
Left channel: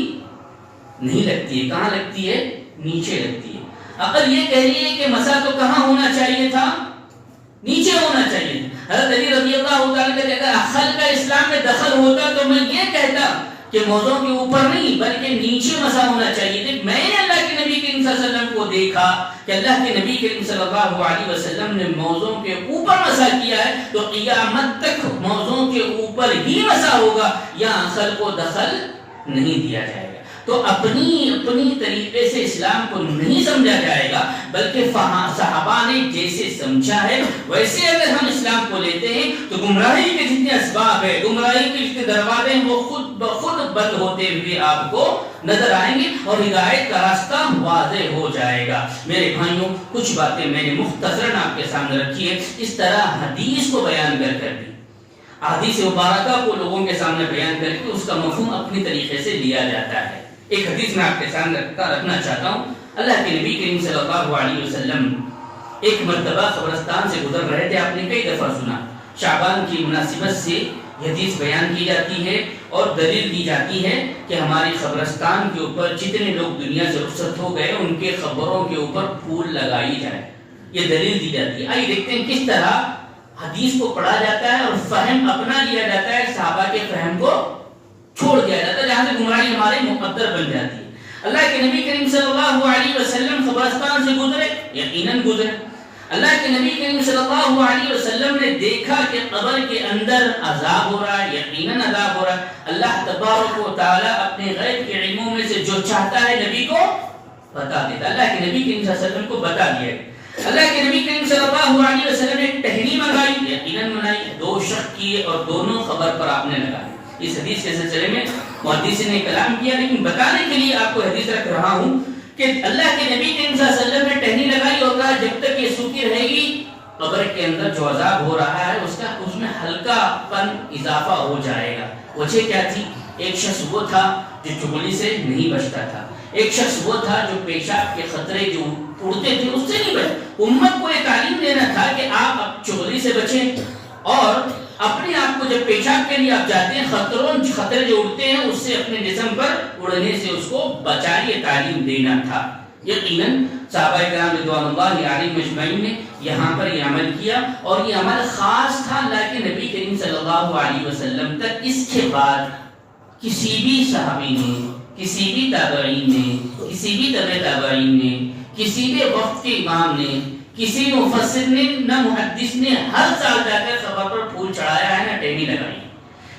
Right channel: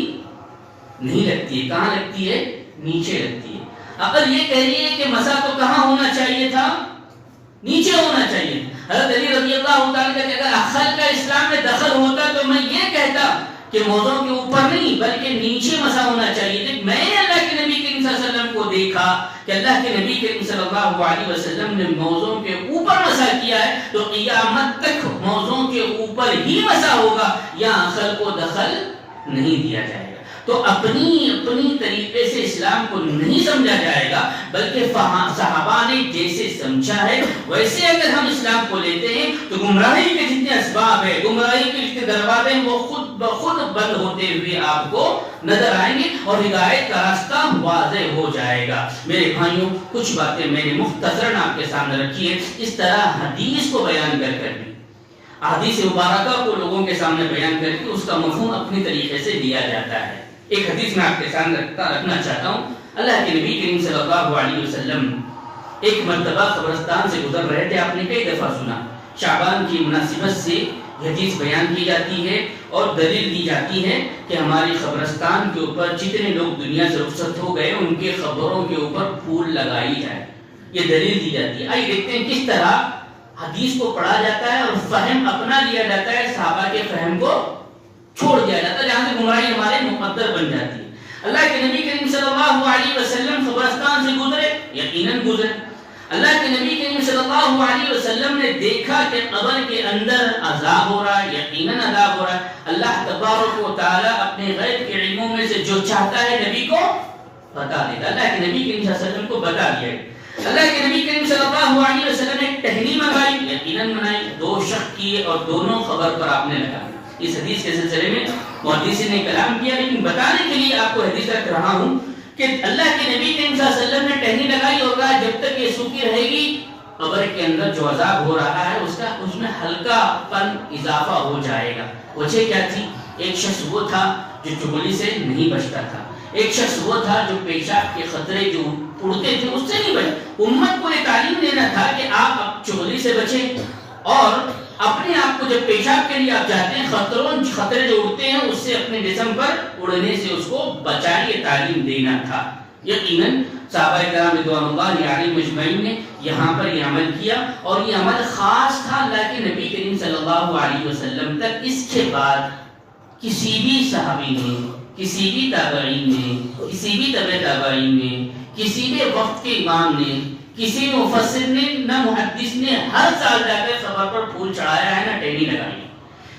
نہیں لگتی ہے. کہاں لگتی ہے؟ نیچے لگتی ہے. عقل یہ کہہ رہی ہے کہ مسا تو کہاں ہونا چاہیے تھا؟ نیچے ہونا چاہیے. حضرت علی رضی اللہ تعالیٰ کا اگر عقل کا اسلام میں دخل ہوتا تو میں یہ کہتا کہ موزوں کے اوپر نہیں بلکہ نیچے مسا ہونا چاہیے. میں نے اللہ کے نبی کریم صلی اللہ علیہ وسلم کو دیکھا کہ اللہ کے نبی کریم صلی اللہ علیہ وسلم نے موزوں کے اوپر مسا کیا ہے، تو قیامت تک موزوں کے اوپر ہی مسا ہوگا، یا عقل کو دخل نہیں دیا جائے گا. تو اپنی طریقے سے اسلام کو نہیں سمجھا جائے گا، بلکہ صحابہ نے جیسے سمجھا ہے ویسے اگر ہم اسلام کو لیتے ہیں تو گمراہی کے جتنے اسباب ہیں، گمراہی کے جتنے دروازے ہیں، وہ خود بخود بند ہوتے ہوئے آپ کو نظر آئیں گے اور ہدایت کا راستہ واضح ہو جائے گا. میرے بھائیوں، کچھ باتیں میں نے مختصراً آپ کے سامنے رکھی ہے، اس طرح حدیث کو بیان کر بھی حدیث مبارکہ کو لوگوں کے سامنے بیان کر کے اس کا مفہوم اپنی طریقے سے لیا جاتا ہے. ایک حدیث میں آپ کے سامنے رکھنا چاہتا ہوں. اللہ کے نبی کریم صلی اللہ علیہ وسلم ایک مرتبہ قبرستان سے گزر رہے تھے. آپ نے کئی دفعہ سنا، شعبان کی مناسبت سے حدیث بیان کی جاتی ہے اور دلیل دی جاتی ہے کہ ہماری قبرستان کے اوپر جتنے لوگ دنیا سے رخصت ہو گئے ان کے قبروں کے اوپر پھول لگائی جائے. یہ دلیل دی جاتی ہے. آئیے دیکھتے ہیں کس طرح حدیث کو پڑھا جاتا ہے اور فہم اپنا لیا جاتا ہے، صحابہ کے فہم کو چھوڑ دیا جاتا ہے، جہاں سے گمراہی ہمارے مقدر بن جاتی ہے. اللہ کے نبی کریم صلی اللہ علیہ وسلم قبرستان سے گزرے، یقیناً گزرے. اللہ کے نبی کریم صلی اللہ علیہ وسلم نے دیکھا کہ قبر کے اندر عذاب ہو رہا ہے، یقیناً عذاب ہو رہا ہے. اللہ تبارک و تعالیٰ اپنے غیب کے علموں میں سے جو چاہتا ہے نبی کو بتا دیتا. اللہ کے نبی کریم صلی اللہ علیہ وسلم کو بتا دیا. اللہ کے نبی کریم صلی اللہ علیہ وسلم نے ایک ٹہنی منگائی، یقیناً منائی، 2 شق کیے اور دونوں قبر پر آپ نے لگا. اس حدیث کے سلسلے میں محدثین نے کلام کیا، لیکن بتانے کے لیے آپ کو حدیث رکھ رہا ہوں کہ اللہ کے نبی کریم صلی اللہ علیہ وسلم نے ٹہنی لگائی اور کہا جب تک یہ سوکھی رہے گی قبر کے اندر جو عذاب ہو رہا ہے اس میں ہلکا پن اضافہ ہو جائے گا. وجہ کیا تھی؟ ایک شخص وہ تھا جو چغلی سے نہیں بچتا تھا، ایک شخص وہ تھا جو پیشاب کے خطرے جو اڑتے تھے اس سے نہیں بچ. امت کو یہ تعلیم دینا تھا کہ آپ چغلی سے بچیں اور اپنے آپ کو جب پیشاب کے لیے آپ جاتے ہیں خطرے جو اڑتے ہیں اس سے اپنے جسم پر اڑنے سے اس کو بچائیے، تعلیم دینا تھا. یقیناً صحابہ کرام رضوان اللہ علیہم اجمعین نے یہاں پر یہ عمل کیا اور یہ عمل خاص تھا اللہ کے نبی کریم صلی اللہ علیہ وسلم تک. اس کے بعد کسی بھی صحابی نے، کسی بھی تابعین نے، کسی بھی تبع تابعین نے، کسی بھی وقت کے امام نے، کسی مفسر نے، نہ محدث نے ہر سال جا کر قبر پر پھول چڑھایا ہے، نہ ٹہنی لگائی.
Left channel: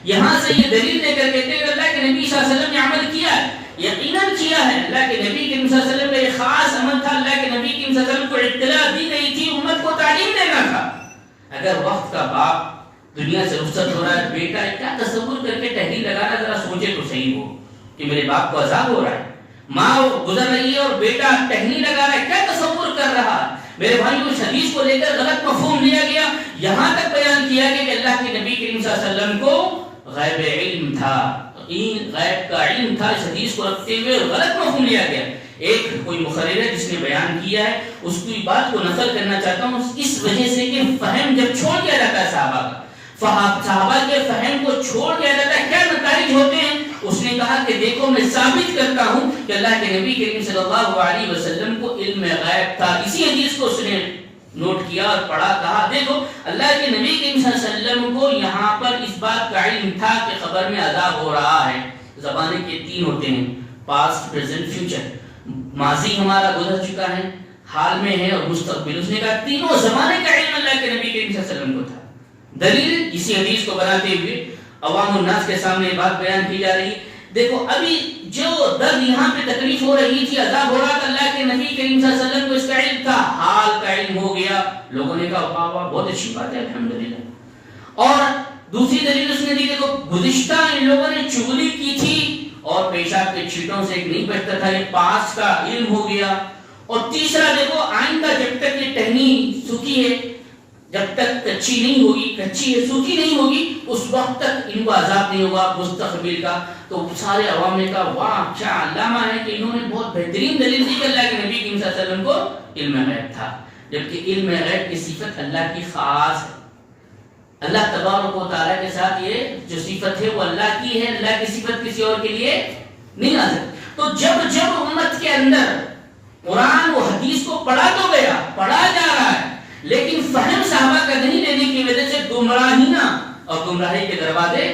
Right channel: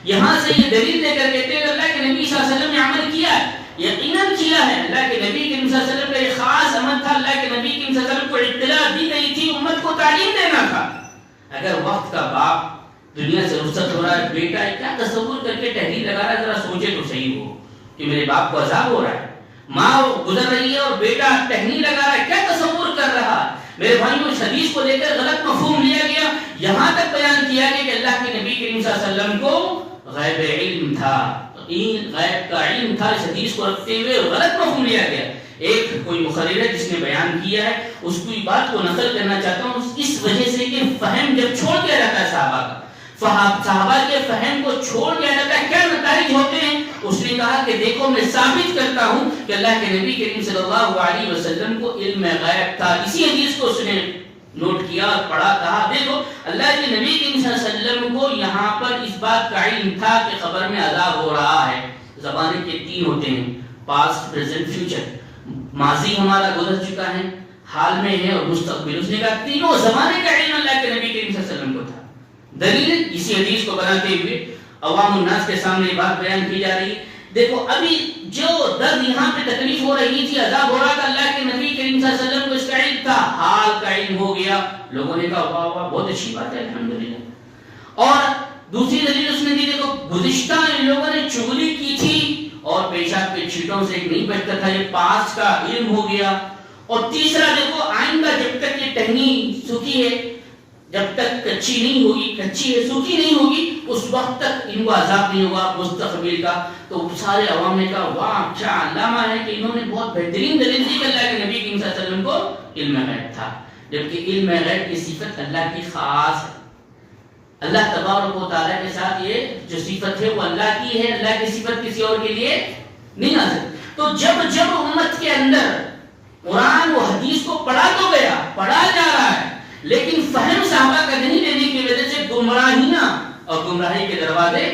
یہاں سے یہ دلیل لے کر کہتے ہیں اللہ کے نبی صلی اللہ علیہ وسلم نے عمل کیا ہے، یقیناً کیا ہے. اللہ کے نبی کریم صلی اللہ علیہ وسلم کا ایک خاص عمل تھا. اللہ کے نبی کریم صلی اللہ علیہ وسلم کو اطلاع دی گئی تھی، امت کو تعلیم دینا تھا. اگر وقت کا باپ دنیا سے رخصت ہو رہا ہے، بیٹا کیا تصور کر کے ٹہنی لگا رہا ہے، ذرا سوچے تو صحیح ہو کہ میرے باپ کو عذاب ہو رہا ہے. ماں گزر رہی ہے اور بیٹا ٹہنی لگا رہا ہے، کیا تصور کر رہا ہے. میرے بھائیوں، اس حدیث کو لے کر غلط مفہوم لیا گیا. یہاں تک بیان کیا گیا کہ اللہ کے نبی کریم صلی اللہ علیہ وسلم کو غیب علم تھا، غیب کا علم تھا. اس حدیث کو رکھتے ہوئے غلط مفہوم لیا گیا. ایک کوئی مخرر ہے جس نے بیان کیا ہے، اس کی بات کو نقل کرنا چاہتا ہوں اس وجہ سے کہ فہم جب چھوڑ دیا جاتا ہے صحابہ کے فہم کو چھوڑ دیا جاتا ہے، کیا نتائج ہوتے ہیں. اس نے کہا کہ دیکھو میں ثابت کرتا ہوں کہ اللہ کے نبی کریم صلی اللہ علیہ وسلم کو علم غیب تھا. اسی حدیث کو اس نے نوٹ کیا اور پڑھا، کہا دیکھو اللہ کے نبی کریم صلی اللہ علیہ وسلم کو یہاں پر اس بات کا علم تھا کہ قبر میں عذاب ہو رہا ہے. زمانے کے 3 ہوتے ہیں، پاسٹ، پریزنٹ، فیوچر. ماضی ہمارا گزر چکا ہے، حال میں ہے اور مستقبل. اس نے کہا تینوں زمانے کا علم اللہ کے نبی کریم صلی اللہ علیہ وسلم کو تھا. دلیل اسی حدیث کو بناتے ہوئے عوام الناس کے سامنے یہ بات بیان کی جا رہی ہے. دیکھو ابھی جو درد یہاں پہ تکلیف ہو رہی تھی، عذاب ہو رہا تھا، اللہ کے نبی کریم صلی اللہ علیہ وسلم کو اس کا علم تھا، حال کا علم ہو گیا. لوگوں نے کہا واہ واہ بہت اچھی بات ہے الحمدللہ. اور دوسری دلیل اس نے دی، دیکھو گزشتہ ان لوگوں نے چغلی کی تھی اور پیشاب کے چھینٹوں سے ایک نہیں بچتا تھا، یہ پاس کا علم ہو گیا. اور تیسرا دیکھو آئندہ جب تک یہ ٹہنی سوکھی ہے، جب تک کچی نہیں ہوگی، کچی ہے سوکھی نہیں ہوگی، اس وقت تک ان کو عذاب نہیں ہوگا مستقبل کا. تو سارے عوام نے کہا واہ کیا علامہ ہے کہ انہوں نے بہت بہترین دلیل دی کہ اللہ کے نبی صلی اللہ علیہ وسلم کو علم غیب تھا، جبکہ علم غیب کی صفت اللہ کی خاص ہے. اللہ تبارک و تعالیٰ کے ساتھ یہ جو صفت ہے وہ اللہ کی ہے، اللہ کی صفت کسی اور کے لیے نہیں آ سکتی۔ تو جب امت کے اندر قرآن و حدیث کو پڑھا تو گیا، پڑھا جا رہا ہے، لیکن فہم صحابہ کا نہیں لینے کی وجہ سے گمراہیاں اور گمراہی کے دروازے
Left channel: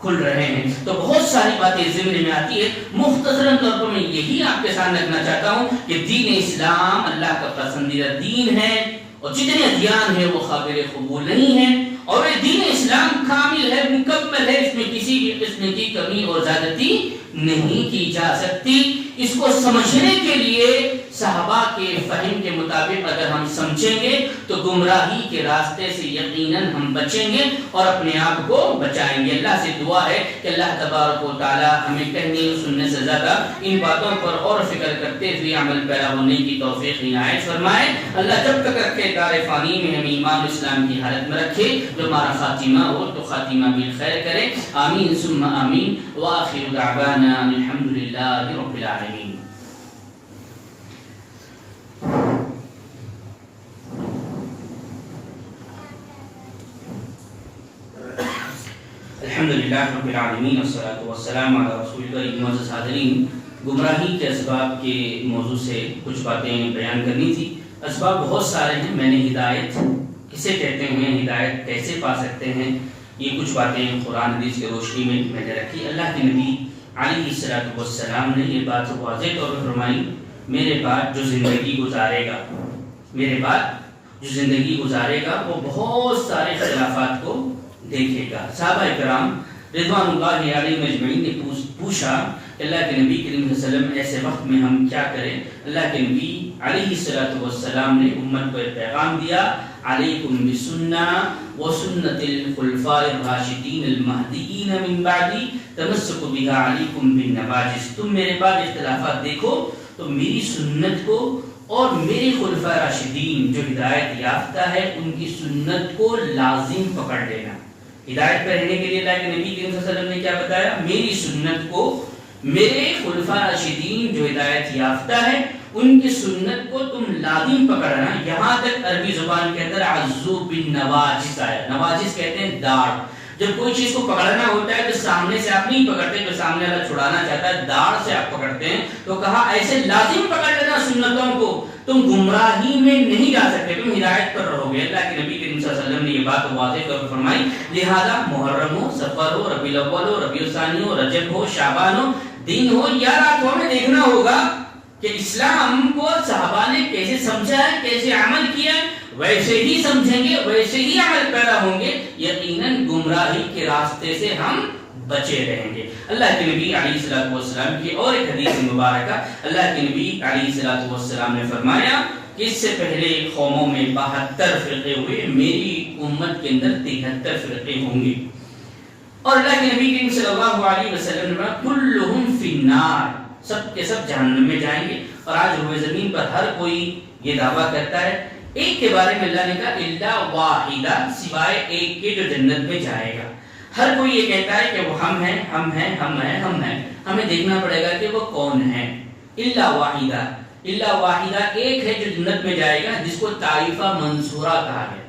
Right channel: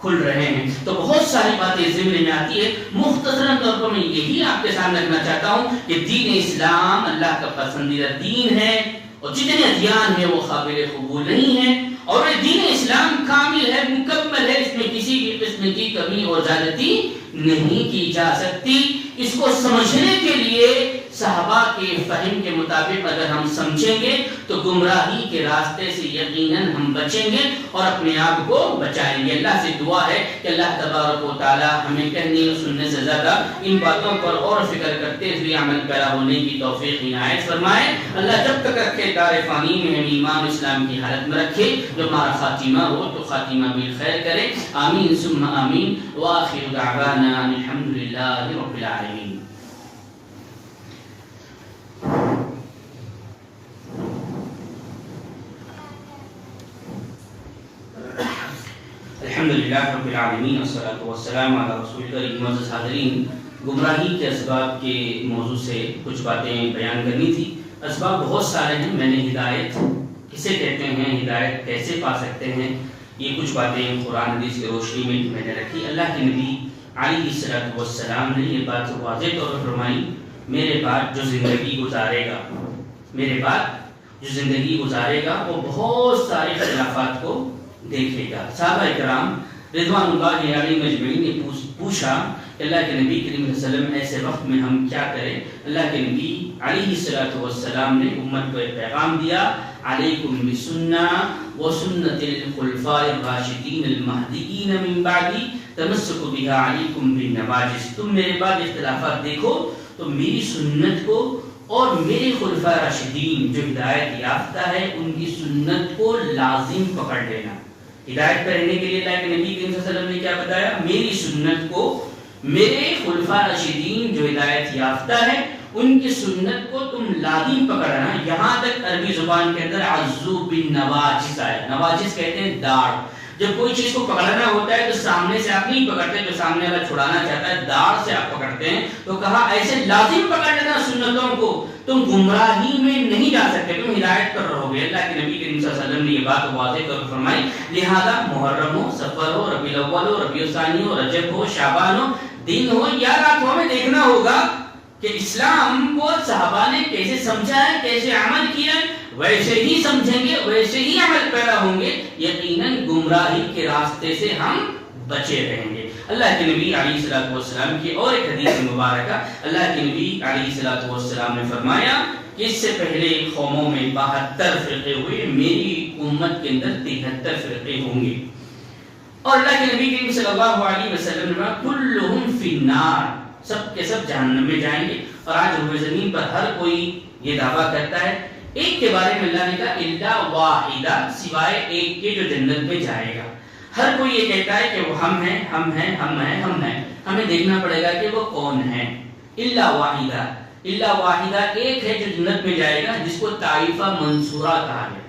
کھل رہے ہیں۔ تو بہت ساری باتیں ذہن میں آتی ہے، مختصراً طور پر میں یہی آپ کے سامنے رکھنا چاہتا ہوں کہ دین اسلام اللہ کا پسندیدہ دین ہے، اور جتنے ادیان ہیں وہ قابل قبول نہیں ہیں، اور یہ دین اسلام کامل ہے، مکمل ہے، اس میں کسی بھی قسم کی کمی اور زیادتی نہیں کی جا سکتی۔ اس کو سمجھنے کے لیے صحابہ کے فہم کے مطابق اگر ہم سمجھیں گے تو گمراہی کے راستے سے یقیناً ہم بچیں گے اور اپنے آپ کو بچائیں گے۔ اللہ سے دعا ہے کہ اللہ تبارک و تعالی ہمیں کہنے اور سننے سے زیادہ ان باتوں پر اور فکر کرتے ہوئے عمل پیرا ہونے کی توفیق عنایت فرمائے۔ اللہ جب تک رکھے دار فانی میں ہمیں ایمان اسلام کی حالت میں رکھے، جو ہمارا خاتمہ ہو تو خاتمہ بالخیر کرے، آمین ثم آمین، وآخر دعوانا الحمدللہ رب العالمین۔ الحمدللہ رب العالمین، والصلاۃ والسلام علی رسول کریم۔ معزز حاضرین، گمراہی کے اسباب کے موضوع سے کچھ باتیں بیان کرنی تھی۔ اسباب بہت سارے ہیں، میں نے ہدایت کسے کہتے ہیں، ہدایت کیسے پا سکتے ہیں، یہ کچھ باتیں قرآن حدیث کی روشنی میں نے رکھی۔ اللہ کے نبی علیہ الصلوۃ والسلام نے یہ بات واضح طور پر فرمائی، میرے بعد جو زندگی گزارے گا، میرے بعد جو زندگی گزارے گا وہ بہت سارے اختلافات کو دیکھے گا۔ صحابہ کرام رضوان اللہ علیہ مجمعین نے پوچھا کہ اللہ کے نبی کریم صلی اللہ علیہ وسلم ایسے وقت میں ہم کیا کریں؟ اللہ کے نبی علیہ الصلوۃ والسلام نے امت کو ایک پیغام دیا، علیکم بسنہ وسنت الخلفاء الراشدین المہدیین من بعدی تمسکوا بها علیکم بالنواجذ۔ تم میرے بعد اختلافات دیکھو تو میری سنت کو اور میرے خلفاء راشدین جو ہدایت یافتہ ہے ان کی سنت کو لازم پکڑ لینا۔ ہدایت پر رہنے کے لیے اللہ کے نبی کریم صلی اللہ علیہ وسلم نے کیا بتایا؟ میری سنت کو، میرے خلفاء راشدین جو ہدایت یافتہ ہے ان کی سنت کو تم لازم پکڑنا۔ یہاں تک عربی زبان کے اندر عضو بالنواجذ ہے، نواجذ کہتے ہیں داڑھ۔ جب کوئی چیز کو پکڑنا ہوتا ہے تو سامنے سے آپ نہیں پکڑتے، جو سامنے والا چھڑانا چاہتا ہے داڑھ سے آپ پکڑتے ہیں۔ تو کہا ایسے لازم پکڑ لینا سنتوں کو، تم گمراہی میں نہیں جا سکتے، تم ہدایت پر رہو گے۔ اللہ کے نبی کریم صلی اللہ علیہ وسلم نے یہ بات واضح طور پر فرمائی، لہذا محرم ہو، سفر ہو، ربیع الاول ہو، ربیع الثانی ہو، رجب ہو، شعبان ہو، دن ہو یا رات ہو، ہمیں دیکھنا ہوگا کہ اسلام کو صحابہ نے کیسے سمجھا ہے، کیسے عمل کیا، ویسے ہی سمجھیں گے، ویسے ہی عمل پیدا ہوں گے، یقیناً گمراہی کے راستے سے ہم بچے رہیں گے۔ اللہ کے نبی علیہ الصلوۃ والسلام کی اور ایک حدیث مبارکہ، اللہ کے نبی علیہ الصلوۃ والسلام نے فرمایا کہ اس سے پہلے قوموں میں 72 فرقے ہوئے، میری امت کے اندر 73 فرقے ہوں گے۔ اور اللہ کے نبی کریم صلی اللہ علیہ وسلم نے فرمایا کلہم فی النار، سب کے سب جہنم میں جائیں گے۔ اور آج روئے زمین پر ہر کوئی یہ دعویٰ کرتا ہے، ایک کے بارے میں اللہ نے کہا الا واحدہ، سوائے ایک کے جو جنت میں جائے گا۔ ہر کوئی یہ کہتا ہے کہ وہ ہم ہیں، ہم ہیں، ہم ہیں، ہم ہیں، ہمیں دیکھنا پڑے گا کہ وہ کون ہے۔ الا واحدہ، الا واحدہ، ایک ہے جو جنت میں جائے گا، جس کو طائفہ منصورہ کہا ہے۔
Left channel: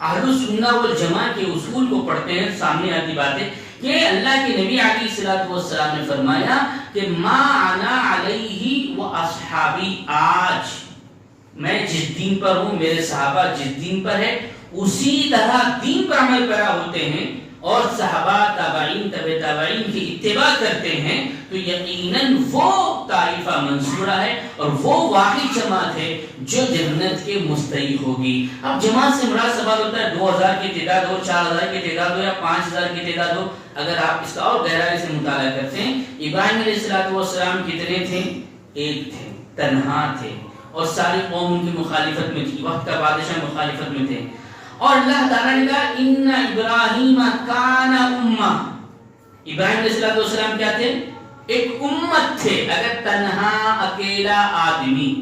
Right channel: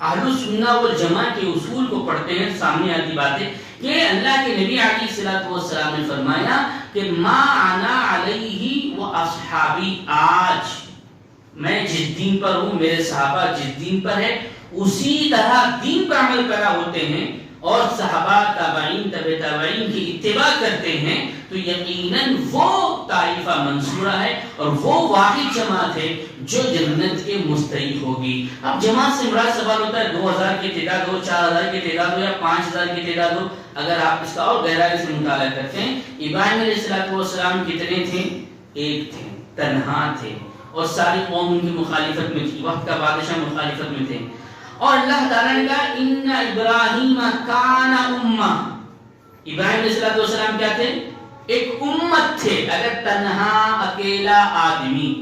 اہل السنہ والجماعہ کے اصول کو پڑھتے ہیں، سامنے آتی باتیں کہ اللہ کے نبی علیہ الصلوۃ والسلام نے فرمایا کہ ما انا علیہ و اصحابی، آج میں جس دین پر ہوں، میرے صحابہ جس دین پر ہے، اسی طرح دین پر عمل کرا ہوتے ہیں اور صحابہ تابعین تبع تابعین کی اتباع کرتے ہیں، تو یقیناً وہ طائفہ منصورہ ہے اور وہ واحد جماعت ہے جو جنت کے مستحق ہوگی۔ اب جماعت سے مراد سوال ہوتا ہے 2000 کی تعداد ہو، 4000 کی تعداد ہو یا 5000 کی تعداد ہو۔ اگر آپ اس کا اور گہرائی سے مطالعہ کرتے ہیں، ابراہیم علیہ السلام کتنے تھے؟ ایک تھے، تنہا تھے، اور ساری قوم ان کی مخالفت میں تھی، وقت کا بادشاہ مخالفت میں تھے۔ اور اللہ تعالیٰ نے کہا ان ابراہیم کان امہ، ابراہیم علیہ السلام کیا تھے؟ ایک امت تھے۔ اگر تنہا اکیلا آدمی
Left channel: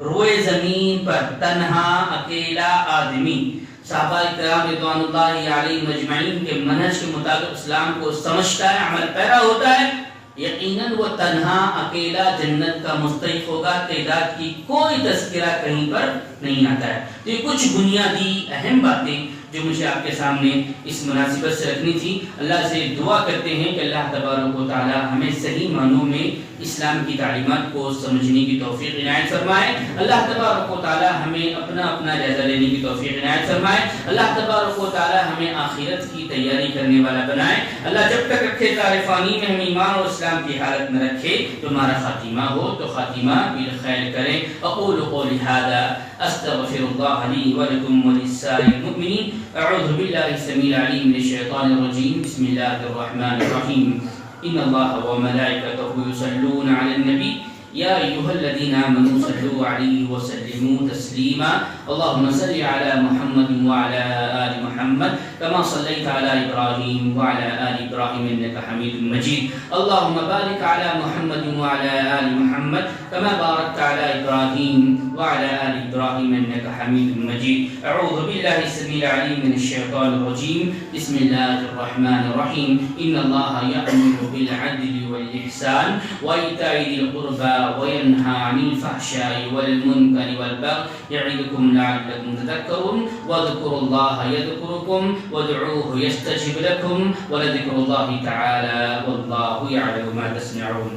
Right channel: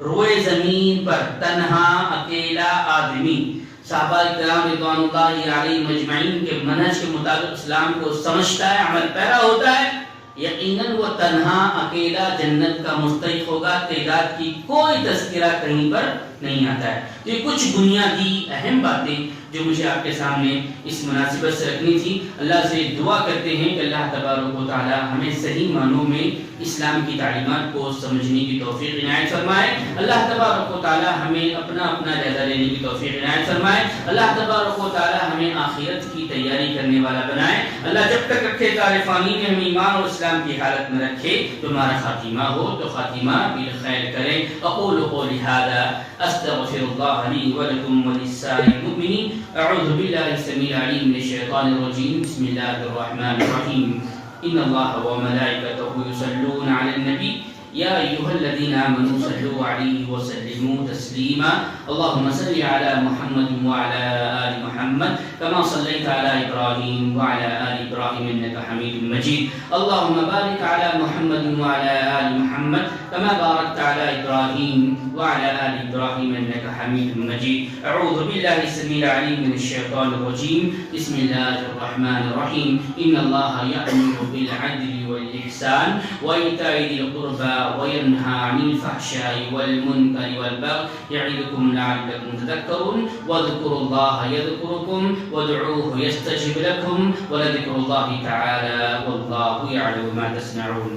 روئے زمین پر، تنہا اکیلا آدمی صحابہ کرام رضوان اللہ علیہ مجمعین کے منہج کے مطابق اسلام کو سمجھتا ہے، عمل پیرا ہوتا ہے، یقیناً وہ تنہا اکیلا جنت کا مستحق ہوگا۔ تعداد کی کوئی تذکرہ کہیں پر نہیں آتا ہے۔ تو یہ کچھ بنیادی اہم باتیں جو مجھے آپ کے سامنے اس مناسبت سے رکھنی تھی. اللہ سے دعا کرتے ہیں کہ اللہ تبارک و تعالی ہمیں صحیح معنوں میں اسلام کی تعلیمات کو سمجھنے کی توفیق عنایت فرمائے. اللہ تبارک و تعالی ہمیں اپنا جائزہ لینے کی توفیق عنایت فرمائے. اللہ تبارک و تعالی ہمیں آخرت کی تیاری کرنے والا بنائے. اللہ جب تک رکھے دار فانی میں ہمیں ایمان اور اسلام کی حالت میں رکھے تو ہمارا خاتمہ ہو تو خاتمہ بالخیر کرے. اقول قولی ھذا استغفر اللہ لی ولکم ولسائر المؤمنین. اعوذ باللہ السمیع العلیم من الشیطان الرجیم. بسم اللہ الرحمن الرحیم. ان اللہ وملائکته یصلون علی النبی یا ایھا الذین آمنوا صلوا علیہ وسلموا تسلیما. اللهم صل علی محمد وعلى آل محمد كما صليت على إبراهيم وعلى آل إبراهيم إنك حميد مجيد. اللهم بارك على محمد وعلى آل محمد كما باركت على إبراهيم وعلى آل إبراهيم إنك حميد مجيد. أعوذ بالله السميع العليم من الشيطان الرجيم. بسم الله الرحمن الرحيم. إن الله يأمر بالعدل والإحسان وإيتاء ذي القربى وينهى عن الفحشاء والمنكر والبغي يعظكم لعلكم تذكرون. واذكروا الله يذكركم وادعوه يستجب لكم ولذكر الله تعالى والله يعلم ما تصنعون.